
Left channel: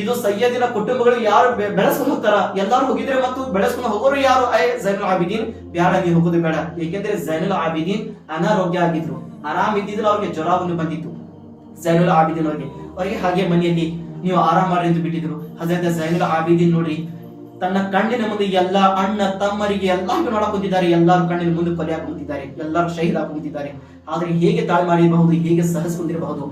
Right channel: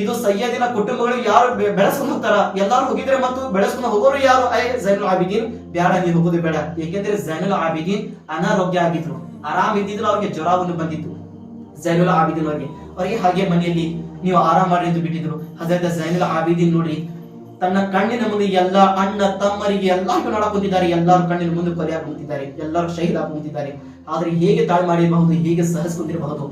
Speaker 1: ಇದು ಸಯ್ಯದಿನ ಕುಟುಂಬಗಳು ಯಾರು ಬೆಳೆಸ್ಕೊಂಡು ಹೋಗ್ತಾರ ಎಲ್ಲಾರು ಹೋಗಿದ್ರೆ ಮತ್ತು ಬೆಳೆಸ್ಕೊಂಡು ಹೋಗೋರು ಯಾರು? ಜೈನುಲ್ ಆಬಿದೀನ್. ಬೇಡ ನೀವು ಹೋಗುದು ಬೇಡ. ಏಕೆಂದ್ರೆ ಜೈನುಲ್ ಆಬಿದೀನ್ ಅನಾರೋಗ್ಯ ಆಗಿದ್ರು. ಆರಾಮ್ ಇದ್ದಿದ್ರು ಅವ್ರಿಗೆ ಜ್ವರವನ್ನು ಬಂದಿತ್ತು. ಜೈನುಲ್ ಆಬಿದೀನ್ ಅವರಿಗೆ. ಅವರಿಗೆ ಹಾಗೆ ಮನೆಯಲ್ಲಿ ನೀವು ಆರಾಮ್ ಮಾಡಿ ಎಂದು ಬಿಟ್ಟಿದ್ರು. ಅದರಿಂದ ಜೈನುಲ್ ಆಬಿದೀನ್ ನೋಡ್ರಿ, ತನ್ನ ಕಣ್ಣಿನ ಮುಂದೆ ಎಲ್ಲ ಅಣ್ಣ, ತಮ್ಮರಿಗೆ ಎಲ್ಲರಿಗೂ ನೋಡಕ್ ಕುಂತಿದ್ದಾರೆ ಎಲ್ಲರೂ ಕಣ್ಣಿನ ಮುಂದೆ ಕೊಲೆ ಹಾಕುತ್ತಿದ್ದಾರೆ ಎಲ್ಲರೂ ಶಹೀದ್ ಹಾಕುತ್ತಿದ್ದಾರೆ ಆದ್ರೆ ಹೇಗೆ ತಾಳ್ಮಾಡಿರಬಹುದು, ಹೇಗೆ ಸಹಸ್ಕೊಂಡಿರಬಹುದು?